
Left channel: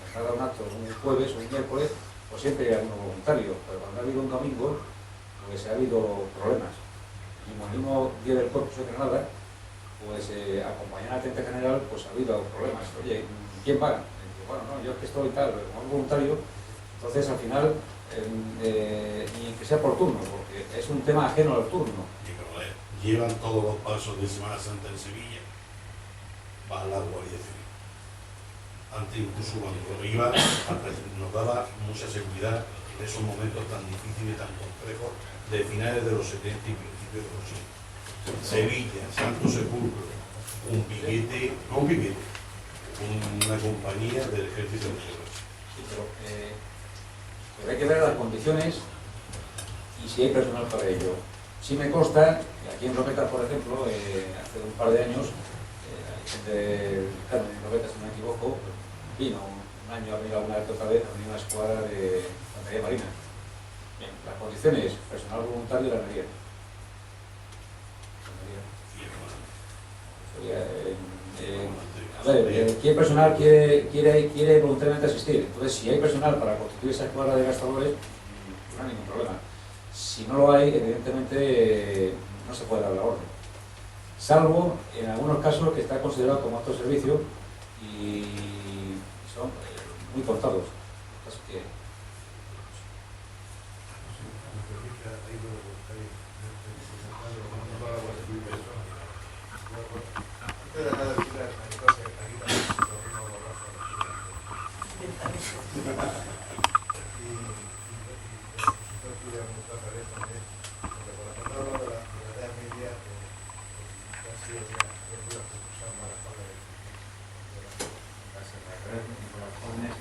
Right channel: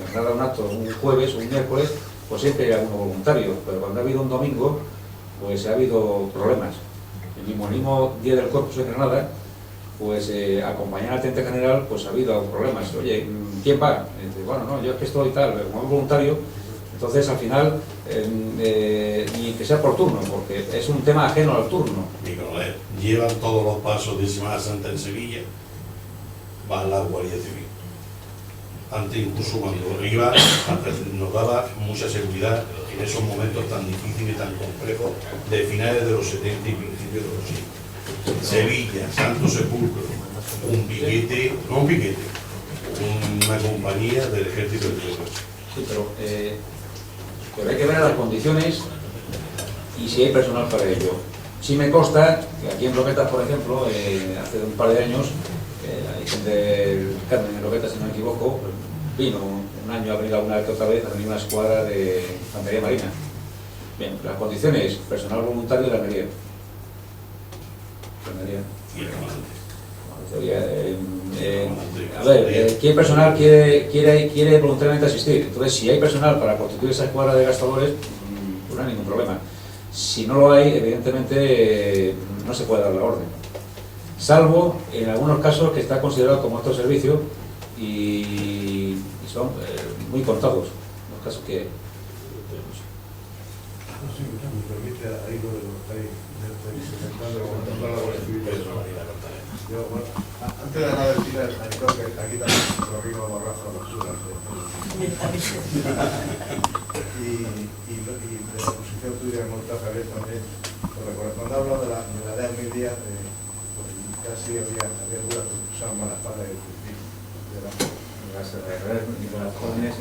En Granada un acto, un jueves, un miércoles, pues siempre hay alguno voluntario, pero cuando ha habido un domingo, pues ha habido problemas. El mismo día del Corpus en Granada, pues acompañar al teniente general, pues ha habido problemas. Oye, ¿quién va? Dice, bueno, no, yo es que estoy tal, como es voluntario, entonces al final, y que sea por turno, porque es un tema ajeno al turno. Mi coronel, llevan todos los pasos de Semana Santa en Sevilla, va la Guardia Civil. Antes incluso cuando iba, nos daba mucha seguridad en esos momentos tan difíciles y tan complejos de finales de los 70 y principios de los 80. Sevilla, Santo Sepulcro, un piquete, no un piquete, una compañía del Ejército de Tierra. Sí, pero hay que ver las condiciones y si hay personal para ello. Sí me consta que aquí en Roquetas, por ejemplo, hace un par de años, hay gente del Carmen en Roquetas, si no me equivoco, vino un año a venir alguna vez otra vez a venir una escuadra de infantería marina. Bien, las condiciones, personal voluntario de la Almería. A ver, ¿qué personal quiere voluntariamente asistir? Entonces, si hay personal para constituir esa escuadra de gastadores, pues no hay ningún problema. Si no lo hay, evidentemente no se puede dar la orden. Salvo en algunos casos que está considerado como otro servicio y son muy contados los casos que... Si me permite, ahí lo estáis antes de nada decirle a Nicolás que aquí también lo vimos más bajo la altura y de la posición tuya en Montajaret también, cuando hablo de la edad de 1000 días, casi había dudas que usaban malas palabras de las jóvenes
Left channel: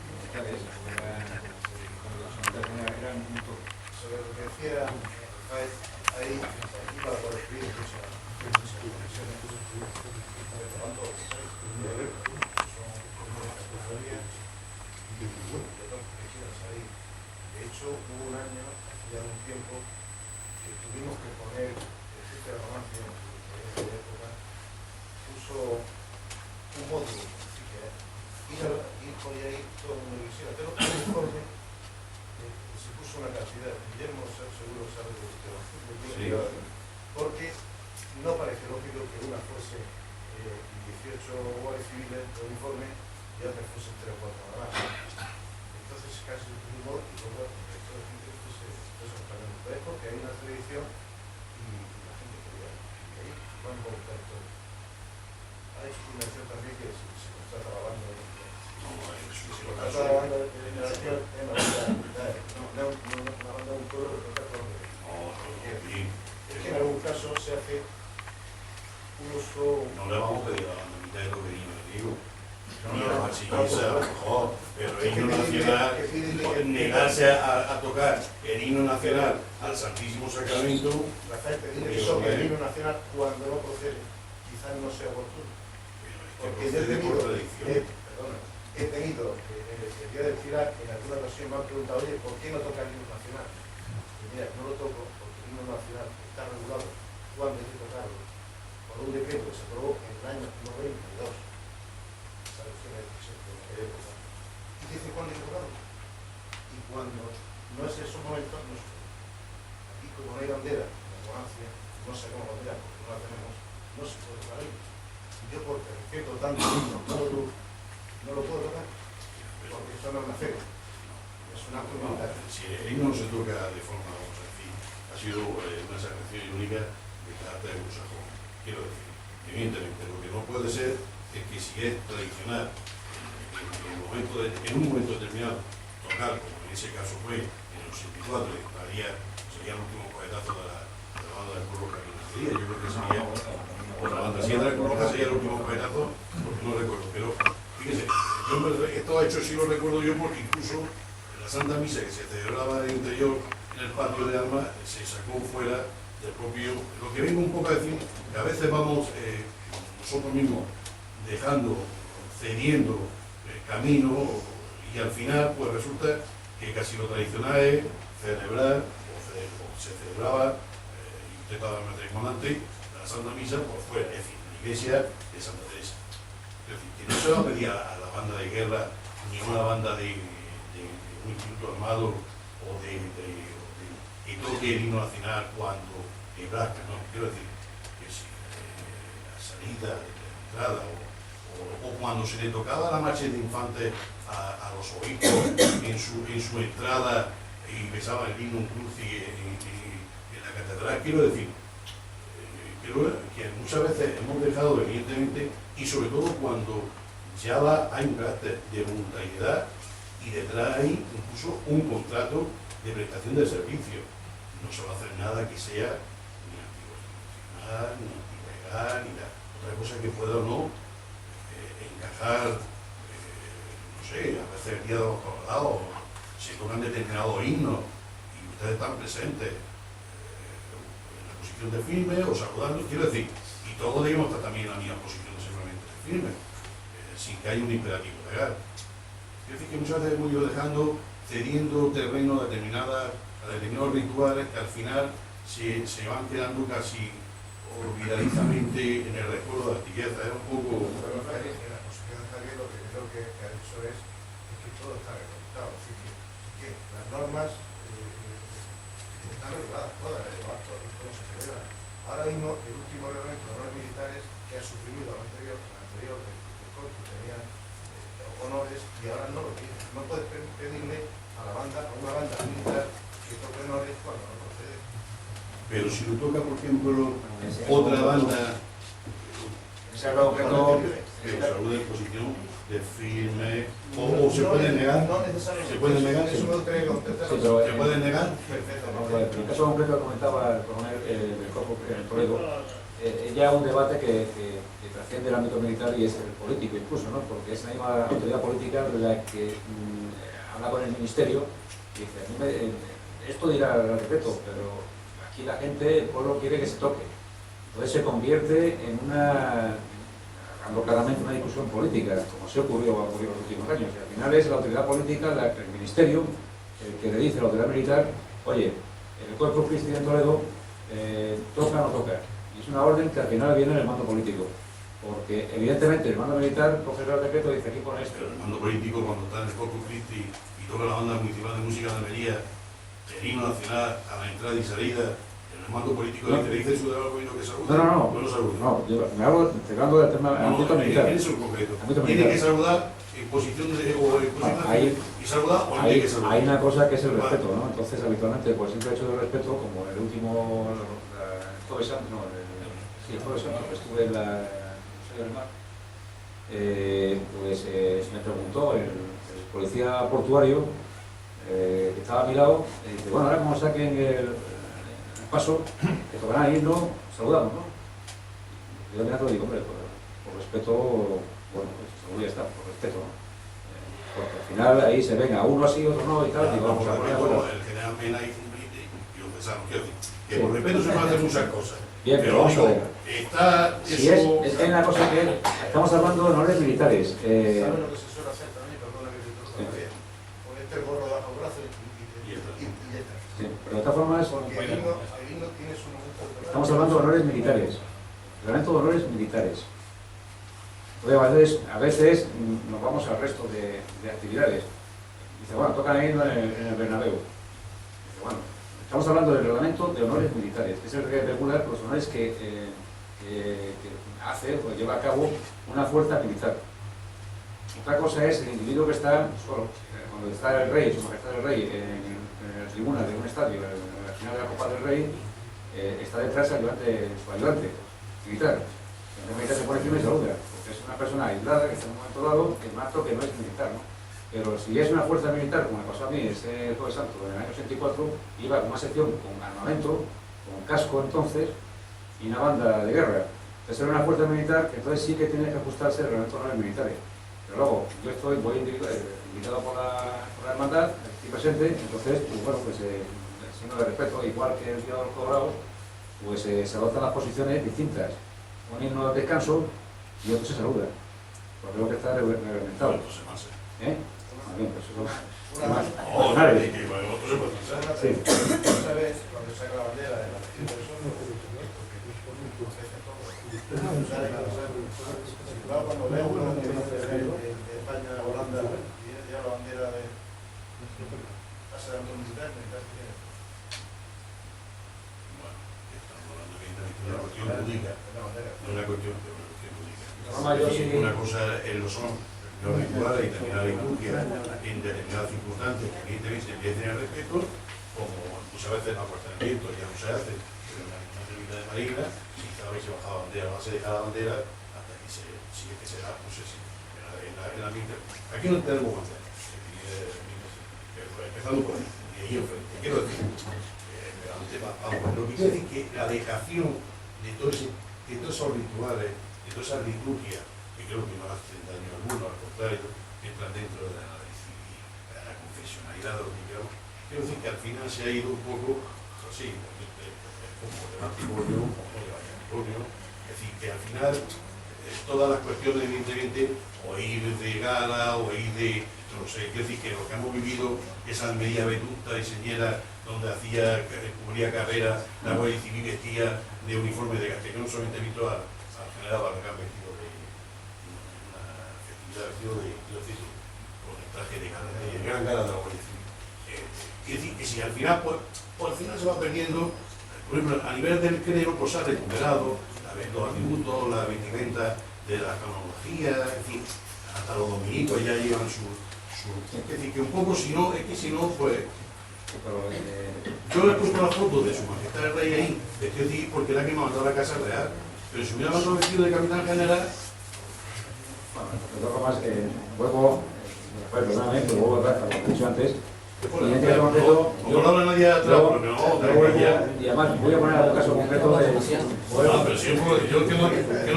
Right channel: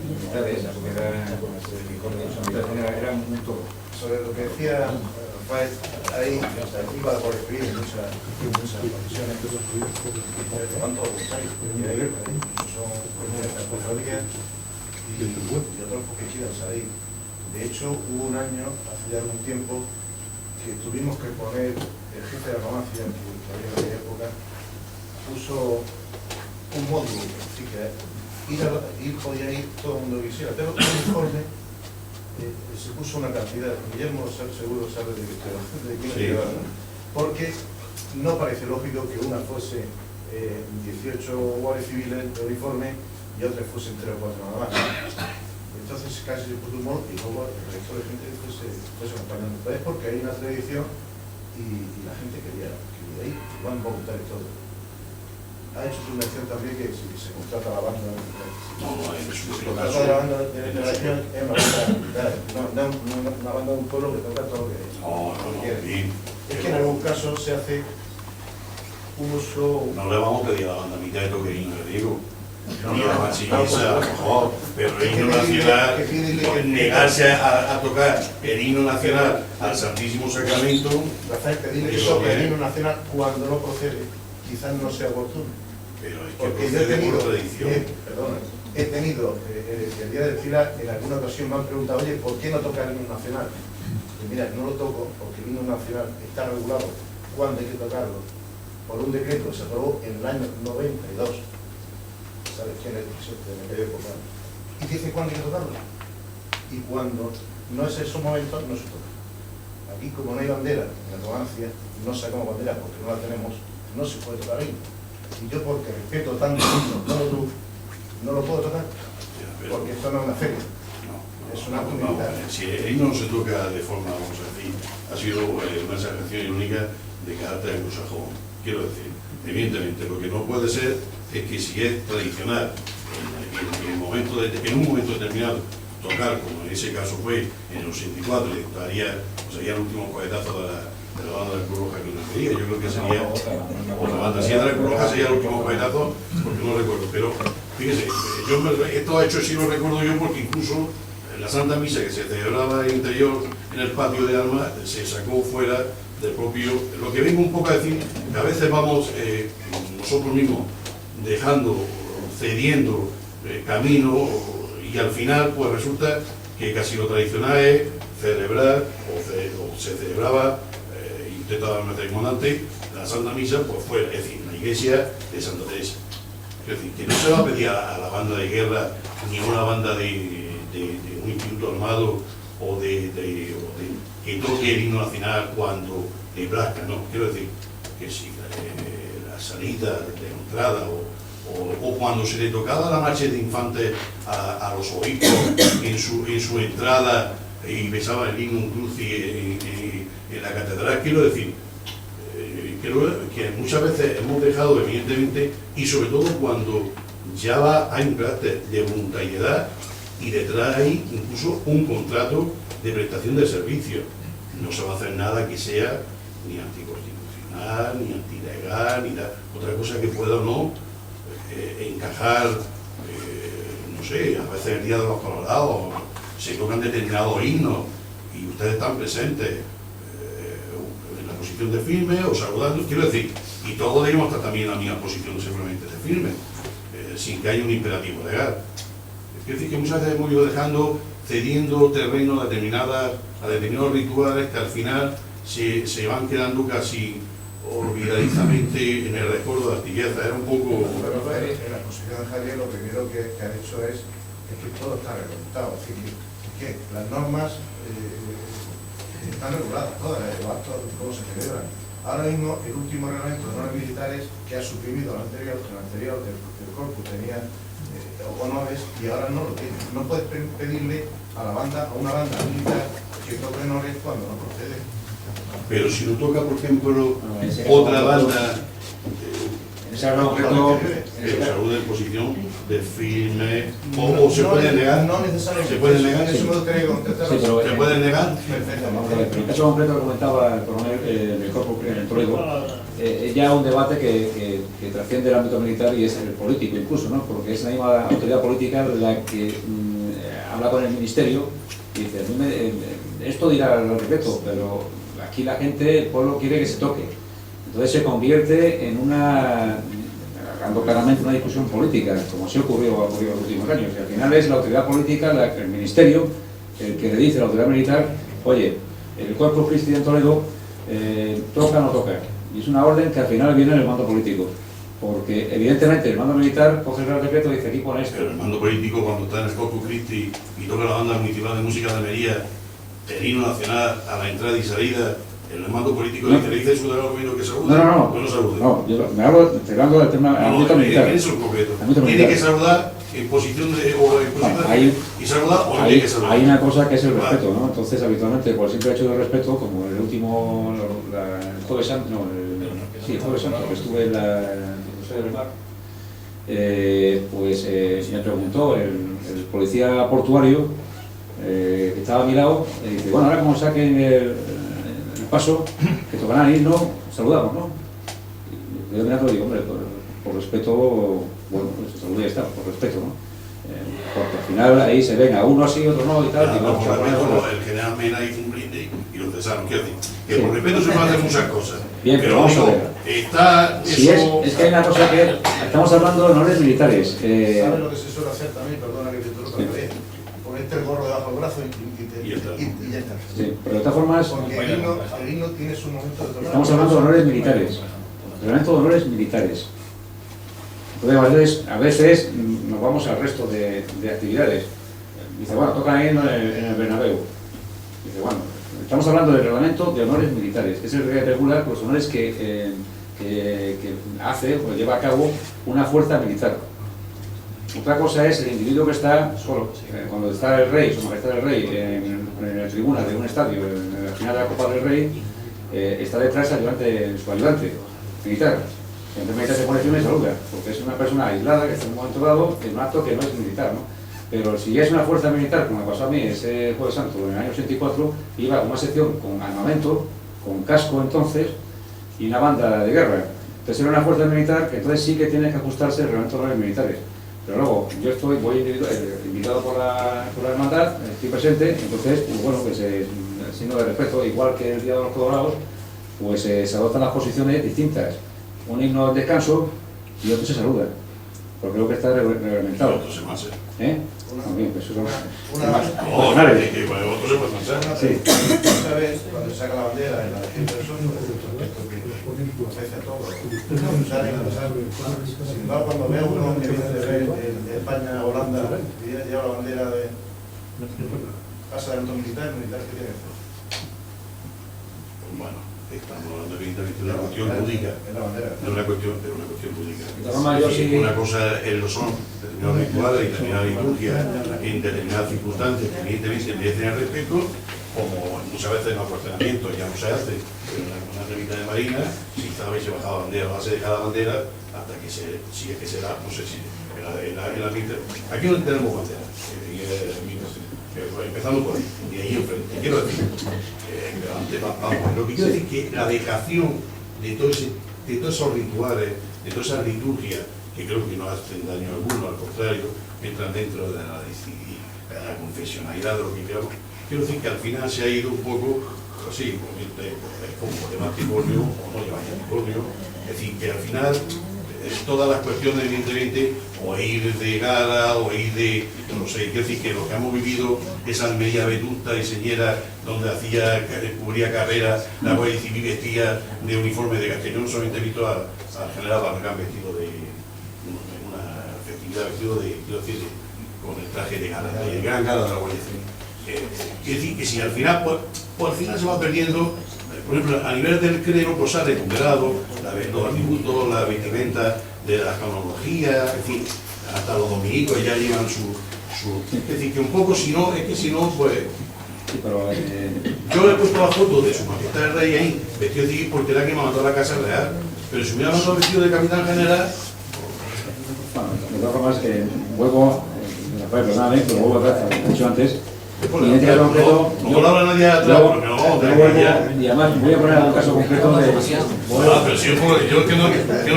militares, eran un todo. Sobre lo que decía Rafael, ahí iba por escribir muchas condiciones, van todos los países, son comunes de cofradía y otros que quieran salir. De hecho, hubo un año, hace ya algún tiempo, que tuvimos que poner, el jefe de la farmacia, que había en aquella época, puso un módulo, así que podía ir todo el mundo que quisiera, pero el informe se puso una cantidad. Guillermo seguro sabe de qué hablar, porque no parece lógico que una fuese 18 guardias civiles de uniforme y otras fuesen 3 o 4 nada más. Entonces casi se puso un modo y luego el resto de gente fuese acompañando. Pero es porque hay una tradición y la gente quería ir, y van voluntarios todos. Ha hecho su mención también que si se contrata la banda, la banda de relación es una banda militar, no una banda de un pueblo que toca todo lo que quiere. Es que en algún caso se hace uso... No le vamos a pedir a la banda militar que toque himno, le digo. Ni la machiniza, a lo mejor, pero el himno nacional, negarse a tocar el himno nacional al Santísimo Sacramento... Rafael, pedirle que toque el himno nacional cuando no procede, quizás no sea oportuno. Pero es que porque yo he tenido, he tenido el día del FILA, en alguna ocasión me han preguntado, oye, ¿por qué no toca el himno nacional? Y mira, no lo toco porque el himno nacional está regulado cuándo hay que tocarlo por un decreto que se aprobó en el año 92. ¿Sabes quién es el presidente en aquella época? Y dice cuándo hay que tocarlo. Y cuando no es esos momentos, no se toca. Aquí, como no hay bandera en la Numancia, no sacamos bandera porque no la tenemos, no se puede tocar el himno. Y yo, porque respeto tanto el himno como tú, no lo puedo tocar, porque esto no es una feria. Es un acto militar. Si el himno no se toca de forma, vamos a decir, ha sido una exageración irónica de carácter anglosajón. Quiero decir, evidentemente, lo que no puede ser es que si es tradicional en un momento determinado tocar, como en ese caso fue en el 84, le daría, pues sería el último cohetazo de la banda de Cruz Roja que nos quería. Yo creo que sería otra banda. Si era de Cruz Roja sería el último cohetazo, porque no recuerdo. Pero fíjese, esto ha hecho, sí lo recuerdo yo, porque incluso la Santa Misa que se celebraba en el interior, en el patio de armas, se sacó fuera del propio. Lo que vengo un poco a decir, que a veces vamos nosotros mismos dejando, cediendo camino, y al final pues resulta que casi lo tradicional es celebrar, o se celebraba, y usted estaba matrimoniante, la Santa Misa pues fuera, es decir, la iglesia de Santa Teresa. Es decir, que no se va a pedir a la banda de guerra ni a una banda de un instituto armado o que toque el himno nacional cuando nebraska, no, quiero decir que si la salida de entrada o cuando se le tocaba la marcha de infantes a los obispos en su entrada y besaba el himno crucis en la catedral, quiero decir, creo que muchas veces hemos dejado evidentemente, y sobre todo cuando ya hay un carácter de voluntariedad y detrás hay incluso un contrato de prestación de servicio. No se va a hacer nada que sea ni anticonstitucional, ni antilegal, ni nada. Otra cosa que pueda o no encajar, no sé, a veces el Día de los Colorados, se tocan determinados himnos y ustedes están presentes en la posición de firme o saludando, quiero decir, y todos debemos estar también en la misma posición simplemente de firme, sin que haya un imperativo legal. Quiero decir que muchas veces hemos ido dejando, cediendo terreno a determinados rituales que al final se van quedando casi olvidadizamente en el recuerdo de Artigueza. Era un poco... En la exposición de Javier lo primero que ha hecho es que todo está reglamentado, es decir, que las normas están reguladas todas, los actos, cómo se celebran. Ahora mismo el último reglamento de normas militares que ha suprimido el anterior del corpus tenía honores y ahora no lo tiene. No puedes pedirle a una banda militar que toque honores cuando no procede. Pero si lo toca, por ejemplo, otra banda, salud de posición de firme, o se puede negar. No necesariamente. ¿Se puede negar? Eso me gustaría contestar. ¿Se puede negar? Perfectamente. En el caso concreto que comentaba el coronel del Corpo en Toledo, ya un debate que trasciende el ámbito militar y es el político incluso, ¿no? Porque es la misma autoridad política la que habla con el ministerio y dice, esto dirá el decreto, pero aquí la gente, el pueblo quiere que se toque. Entonces se convierte en hablando claramente, una discusión política, como se ha ocurrido en los últimos años. Y al final es la autoridad política, el ministerio, el que le dice a la autoridad militar, oye, el Corpus Christi en Toledo toca o no toca. Y es una orden que al final viene en el mando político. Porque evidentemente el mando militar coge el Real Decreto y dice aquí pone esto. Pero el mando político, cuando está en el Corpus Christi y toca la banda municipal de música de Almería, el himno nacional a la entrada y salida, el mando político le dice saludar al gobierno que salude. No salude. No, yo me hablo del tema ámbito militar. ¿Quién es el concreto? ¿Tiene que saludar en posición de y saludar o no tiene que saludar? Hay una cosa que es el respeto, ¿no? Entonces, habitualmente, por el simple hecho del respeto, como el último, el Jueves Santo, el Jueves Santo, que estuve en la José del Mar, pues me preguntó el policía portuario que estaba a mi lado, y dice, bueno, ahora como saquen el paso, que tocarán el himno, saludamos, ¿no? Y yo mirando digo, hombre, por respeto, bueno, pues salud ya está, por respeto, ¿no? Porque al final ahí se ven a uno así, otro no y tal. Digo, por respeto, el general Mena hizo un brindis y lo cesaron. Quiero decir, que por respeto se pueden hacer muchas cosas. Bien, pero vamos a ver. Está si eso... es que hay una cosa que estamos hablando de honores militares. ¿Sabes lo que se suele hacer también? Perdona que te interrumpa, ponerte el gorro debajo del brazo y ya está. Sí, pero de todas formas... Porque el himno tiene su momento de tocar. Estamos hablando de honores militares. Reglamento de honores militares. Entonces, a veces nos vamos al resto de actividades. Dice, bueno, tocan ahí en el Bernabéu. Dice, bueno, estamos hablando del reglamento de honores militares, que es el que regula los honores que hace o lleva a cabo una fuerza militar. Otra cosa es el individuo que está solo. Cuando está el rey, su majestad el rey, en la tribuna de un estadio, en la final de la Copa del Rey, está detrás su ayudante militar. El ayudante militar se pone firme y saluda, porque es una persona aislada que está en un momento dado en un acto que no es militar, ¿no? Pero si es una fuerza militar, como me pasó a mí ese Jueves Santo en el año 84, iba con una sección con armamento, con casco entonces, y una banda de guerra. Entonces era una fuerza militar que entonces sí que tiene que ajustarse al reglamento de los militares. Pero luego yo voy invitado por la hermandad, estoy presente, entonces, pues bueno, pues signo de respeto, igual que el Día de los Colorados, pues se adoptan las posiciones distintas. Un himno al descanso y otro se saluda, porque creo que está reglamentado. Otro se mancha. Muy bien, pues eso Una más. No, que otro se puede manchar. Sí. Otra vez, cuando se saca la bandera en la Legión del Sol, ofrece a todo. Sin embargo, cuando veo uno que viene de España a Holanda y lleva la bandera de pasa de militar que tiene. Bueno, estamos hablando evidentemente de una cuestión lúdica. Es la bandera. De una cuestión lúdica. Una cosa lo son determinados rituales y determinadas liturgias en determinadas circunstancias que evidentemente merecen el respeto, como muchas veces en los cuestionamientos ya no se hace, pero en alguna revista de marina, si sabe se baja la bandera, no se deja la bandera hasta que se sigue que se da, no sé si en la mitad. Aquí no tenemos bandera, empezando por ahí, y ahí enfrente. Quiero decir, vamos, lo que quiero decir es que la dejación de todos esos rituales, de todas esas liturgias, que creo que no hacen daño alguno, al contrario, entran dentro de la confesionalidad de lo que queramos. Quiero decir que al final se ha ido un poco así, como de matrimonio o no lleva matrimonio, es decir, que al final todas las cuestiones, evidentemente, o ir de gala, o ir de, no sé, quiero decir que lo que hemos vivido, esa Almería vetusta y señera, donde cubría carrera, la Guardia Civil vestía de uniforme de Castellón, solamente he visto al general Barragán vestido de una festividad, vestido de, quiero decir, con el traje de gala, de gran gala de la Guardia Civil. Quiero decir que si al final, pues al final se va perdiendo. Por ejemplo, a nivel del clero, pues se ha recuperado los atributos, la vestimenta de la cronología, en fin, hasta los dominicos ya llevan su... Es decir, que un poco, si no, pues... Sí, pero, yo he puesto la foto de su majestad el rey ahí, vestido de civil, porque era que me mandó a la Casa Real, pero si me hubiera mandado vestido de capitán general... Bueno, de todas formas, vuelvo, perdóname, pero vuelvo atrás, como he dicho antes. Pues, no habla nadie atrás, porque no, y además voy a poner un caso concreto de... pero si yo que no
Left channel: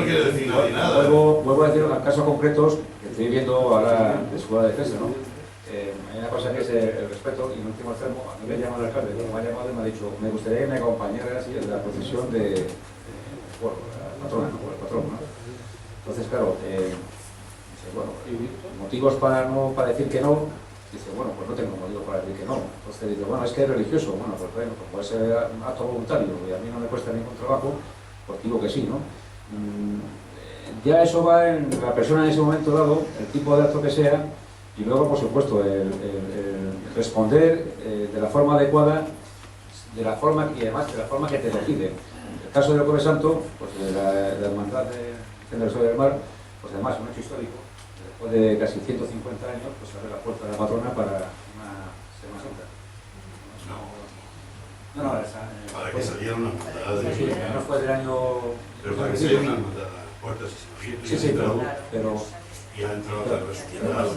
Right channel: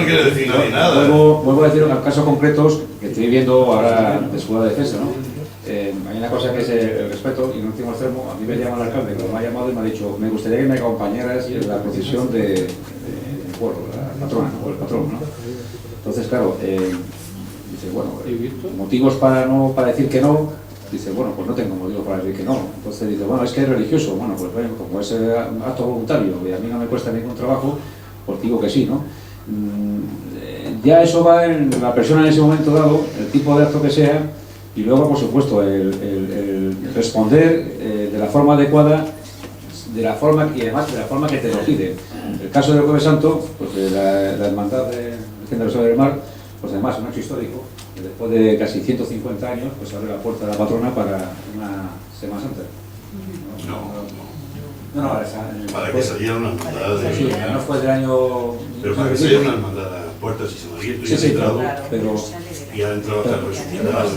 quiere decir nadie nada. Vuelvo a decir unos casos concretos que estoy viendo ahora de su defensa, ¿no? Hay una cosa que es el respeto, y en último extremo, a mí me llama el alcalde, como me ha llamado y me ha dicho, me gustaría que me acompañaras en la procesión del pueblo, la patrona, o el patrón, ¿no? Entonces, claro, dice, bueno, motivos para decir que no. Dice, bueno, pues no tengo motivo para decir que no. Entonces dice, bueno, es que es religioso. Bueno, pues bueno, como es un acto voluntario y a mí no me cuesta ningún trabajo, pues digo que sí, ¿no? Ya eso va en la persona en ese momento dado, el tipo de acto que sea, y luego, por supuesto, el responder de la forma adecuada, de la forma y además de la forma que te lo piden. El caso del Jueves Santo, pues de la hermandad de Virgen del Mar, pues además es un hecho histórico. Después de casi 150 años, pues abre la puerta de la patrona para una Semana Santa. No, para que saliera una hermandad de... Sí, no fue del año... Pero para que saliera una hermandad, las puertas y se han abierto y han entrado, pero... y ha entrado hasta el resucitado.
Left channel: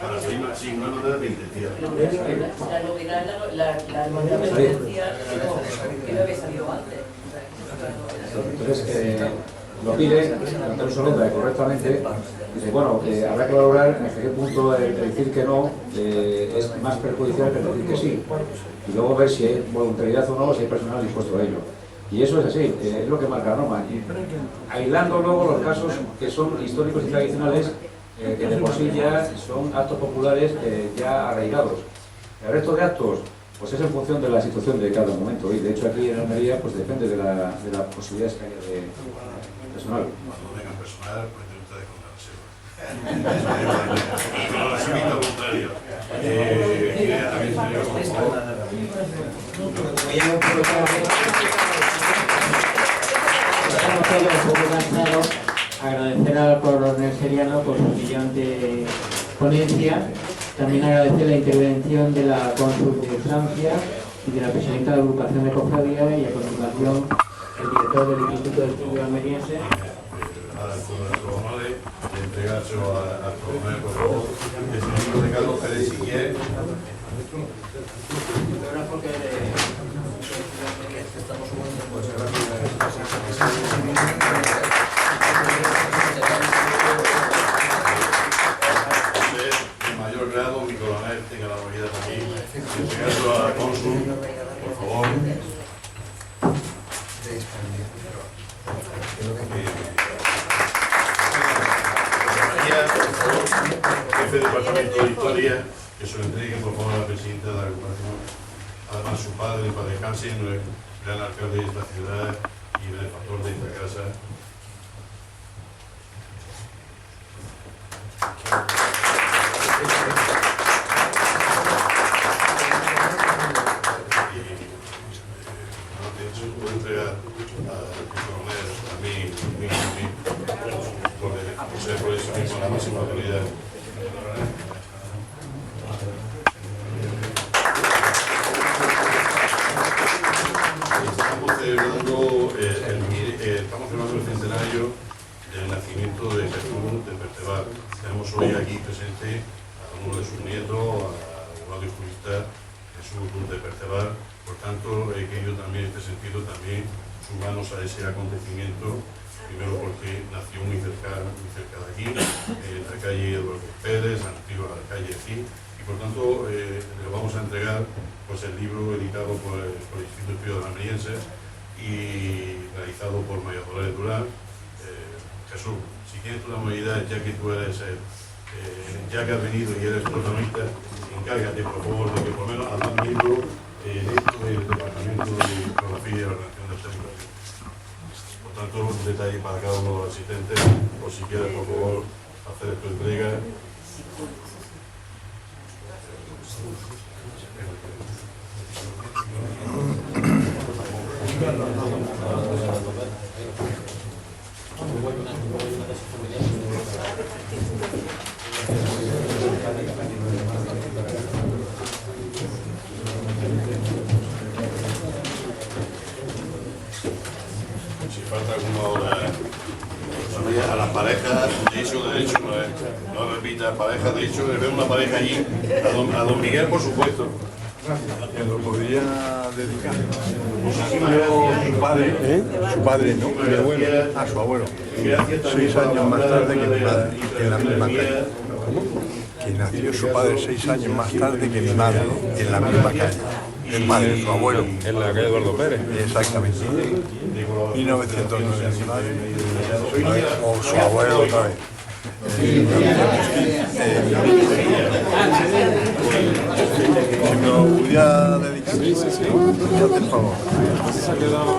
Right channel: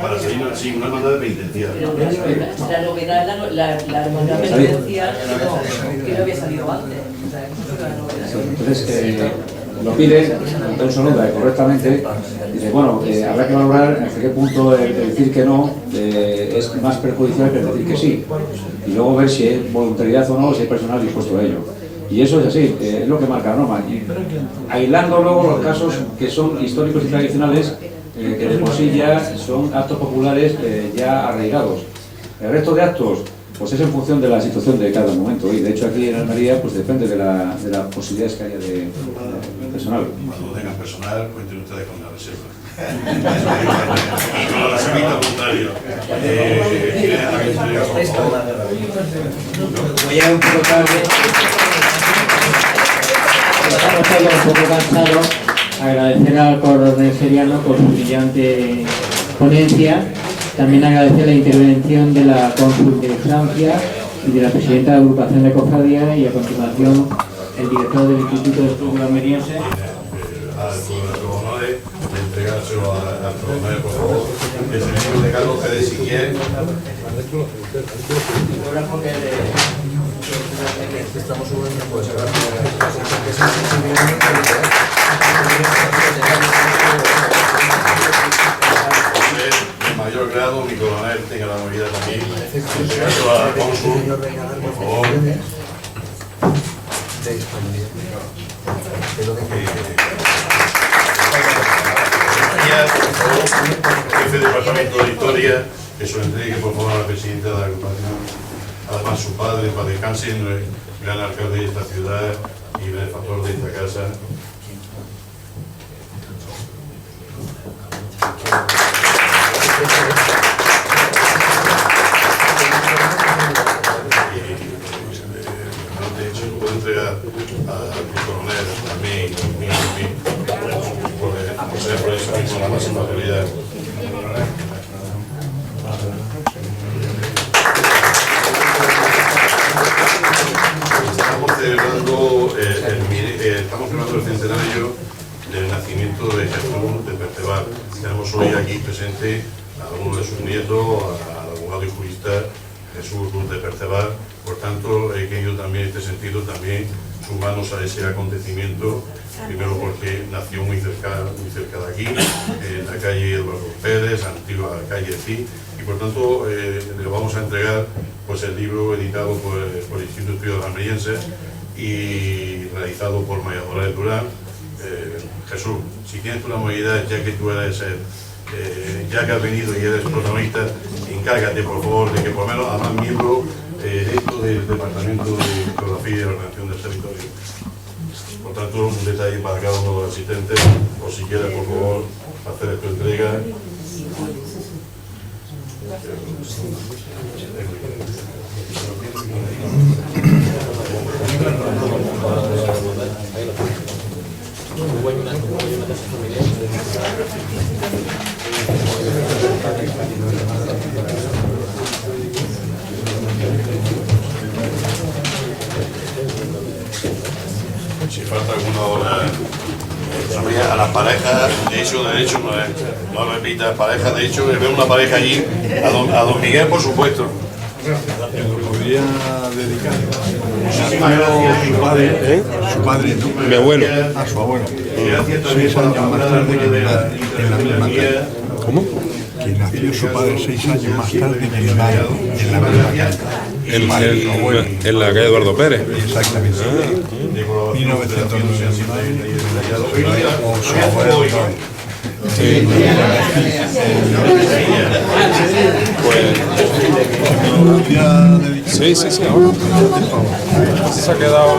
Para salir una hermandad de penitenciaria. La novedad es la hermandad penitencial que no había salido antes. Entonces, lo pide, Antonio Sonuda, correctamente, dice, bueno, habrá que valorar hasta qué punto el decir que no es más perjudicial que el decir que sí. Y luego ver si hay voluntariedad o no, si hay personal dispuesto a ello. Y eso es así, es lo que marca la norma. Y aislando luego los casos que son históricos y tradicionales, que de por sí ya son actos populares ya arraigados. El resto de actos, pues es en función de la situación de cada momento. Y de hecho aquí en Almería, pues depende de las posibilidades que haya de personal. Cuando tengan personal, cuenten ustedes con la reserva. Y con la reservita voluntaria. Voy a un poco tarde. Estamos todos un poco cansados. agradecer al coronel Seriano por su brillante ponencia. También agradecer la intervención de la cónsul de Francia y de la presidenta de la agrupación de cofradía, y a continuación el director del Instituto de Estudios Almerienses. A los honores de entregárselo al coronel, por favor. Es el libro de Carlos Pérez Siguier. El fotógrafo que estamos subiendo, pues de mayor grado, mi coronel tenga la movilidad también. Entregárselo a la cónsul, por favor. Jefe de Departamento de Historia, que se lo entregue por favor a la presidenta de la agrupación. Además, su padre, para descanse, el gran alcalde de esta ciudad y benefactor de esta casa. De hecho, lo puedo entregar al coronel también, por eso mismo la máxima autoridad. Estamos celebrando el centenario del nacimiento de Jesús de Perceval. Tenemos hoy aquí presente a uno de sus nietos, al abogado y jurista Jesús de Perceval. Por tanto, he querido también en este sentido también sumarnos a ese acontecimiento, primero porque nació muy cerca de aquí, en la calle Eduardo Pérez, antigua calle Cid, y por tanto le vamos a entregar pues el libro editado por el Instituto de Estudios Almerienses y realizado por María Dolores Durán. Jesús, si tienes una movilidad, ya que tú eres ya que has venido y eres protagonista, encárgate por favor de que por lo menos a más miembros dentro del Departamento de Fotografía y de Ordenación del Territorio. Por tanto, un detalle para cada uno de los asistentes, o si quieres por favor hacer tu entrega. Si falta alguna hora, a las parejas, de hecho, no repitas, parejas, de hecho, veo una pareja allí, a don Miguel, por supuesto. Muchísimas gracias, mi padre. Su padre, Mi abuelo. Gracias también por apuntar alguna de las intervenciones mías. su padre 6 años más tarde en el Vallado. En la calle Eduardo Pérez. Exactamente. De colaboración y cooperación se han siempre detallado. Hoy no había fútbol hoy, ¿no? Sí, ahora se ha quedado.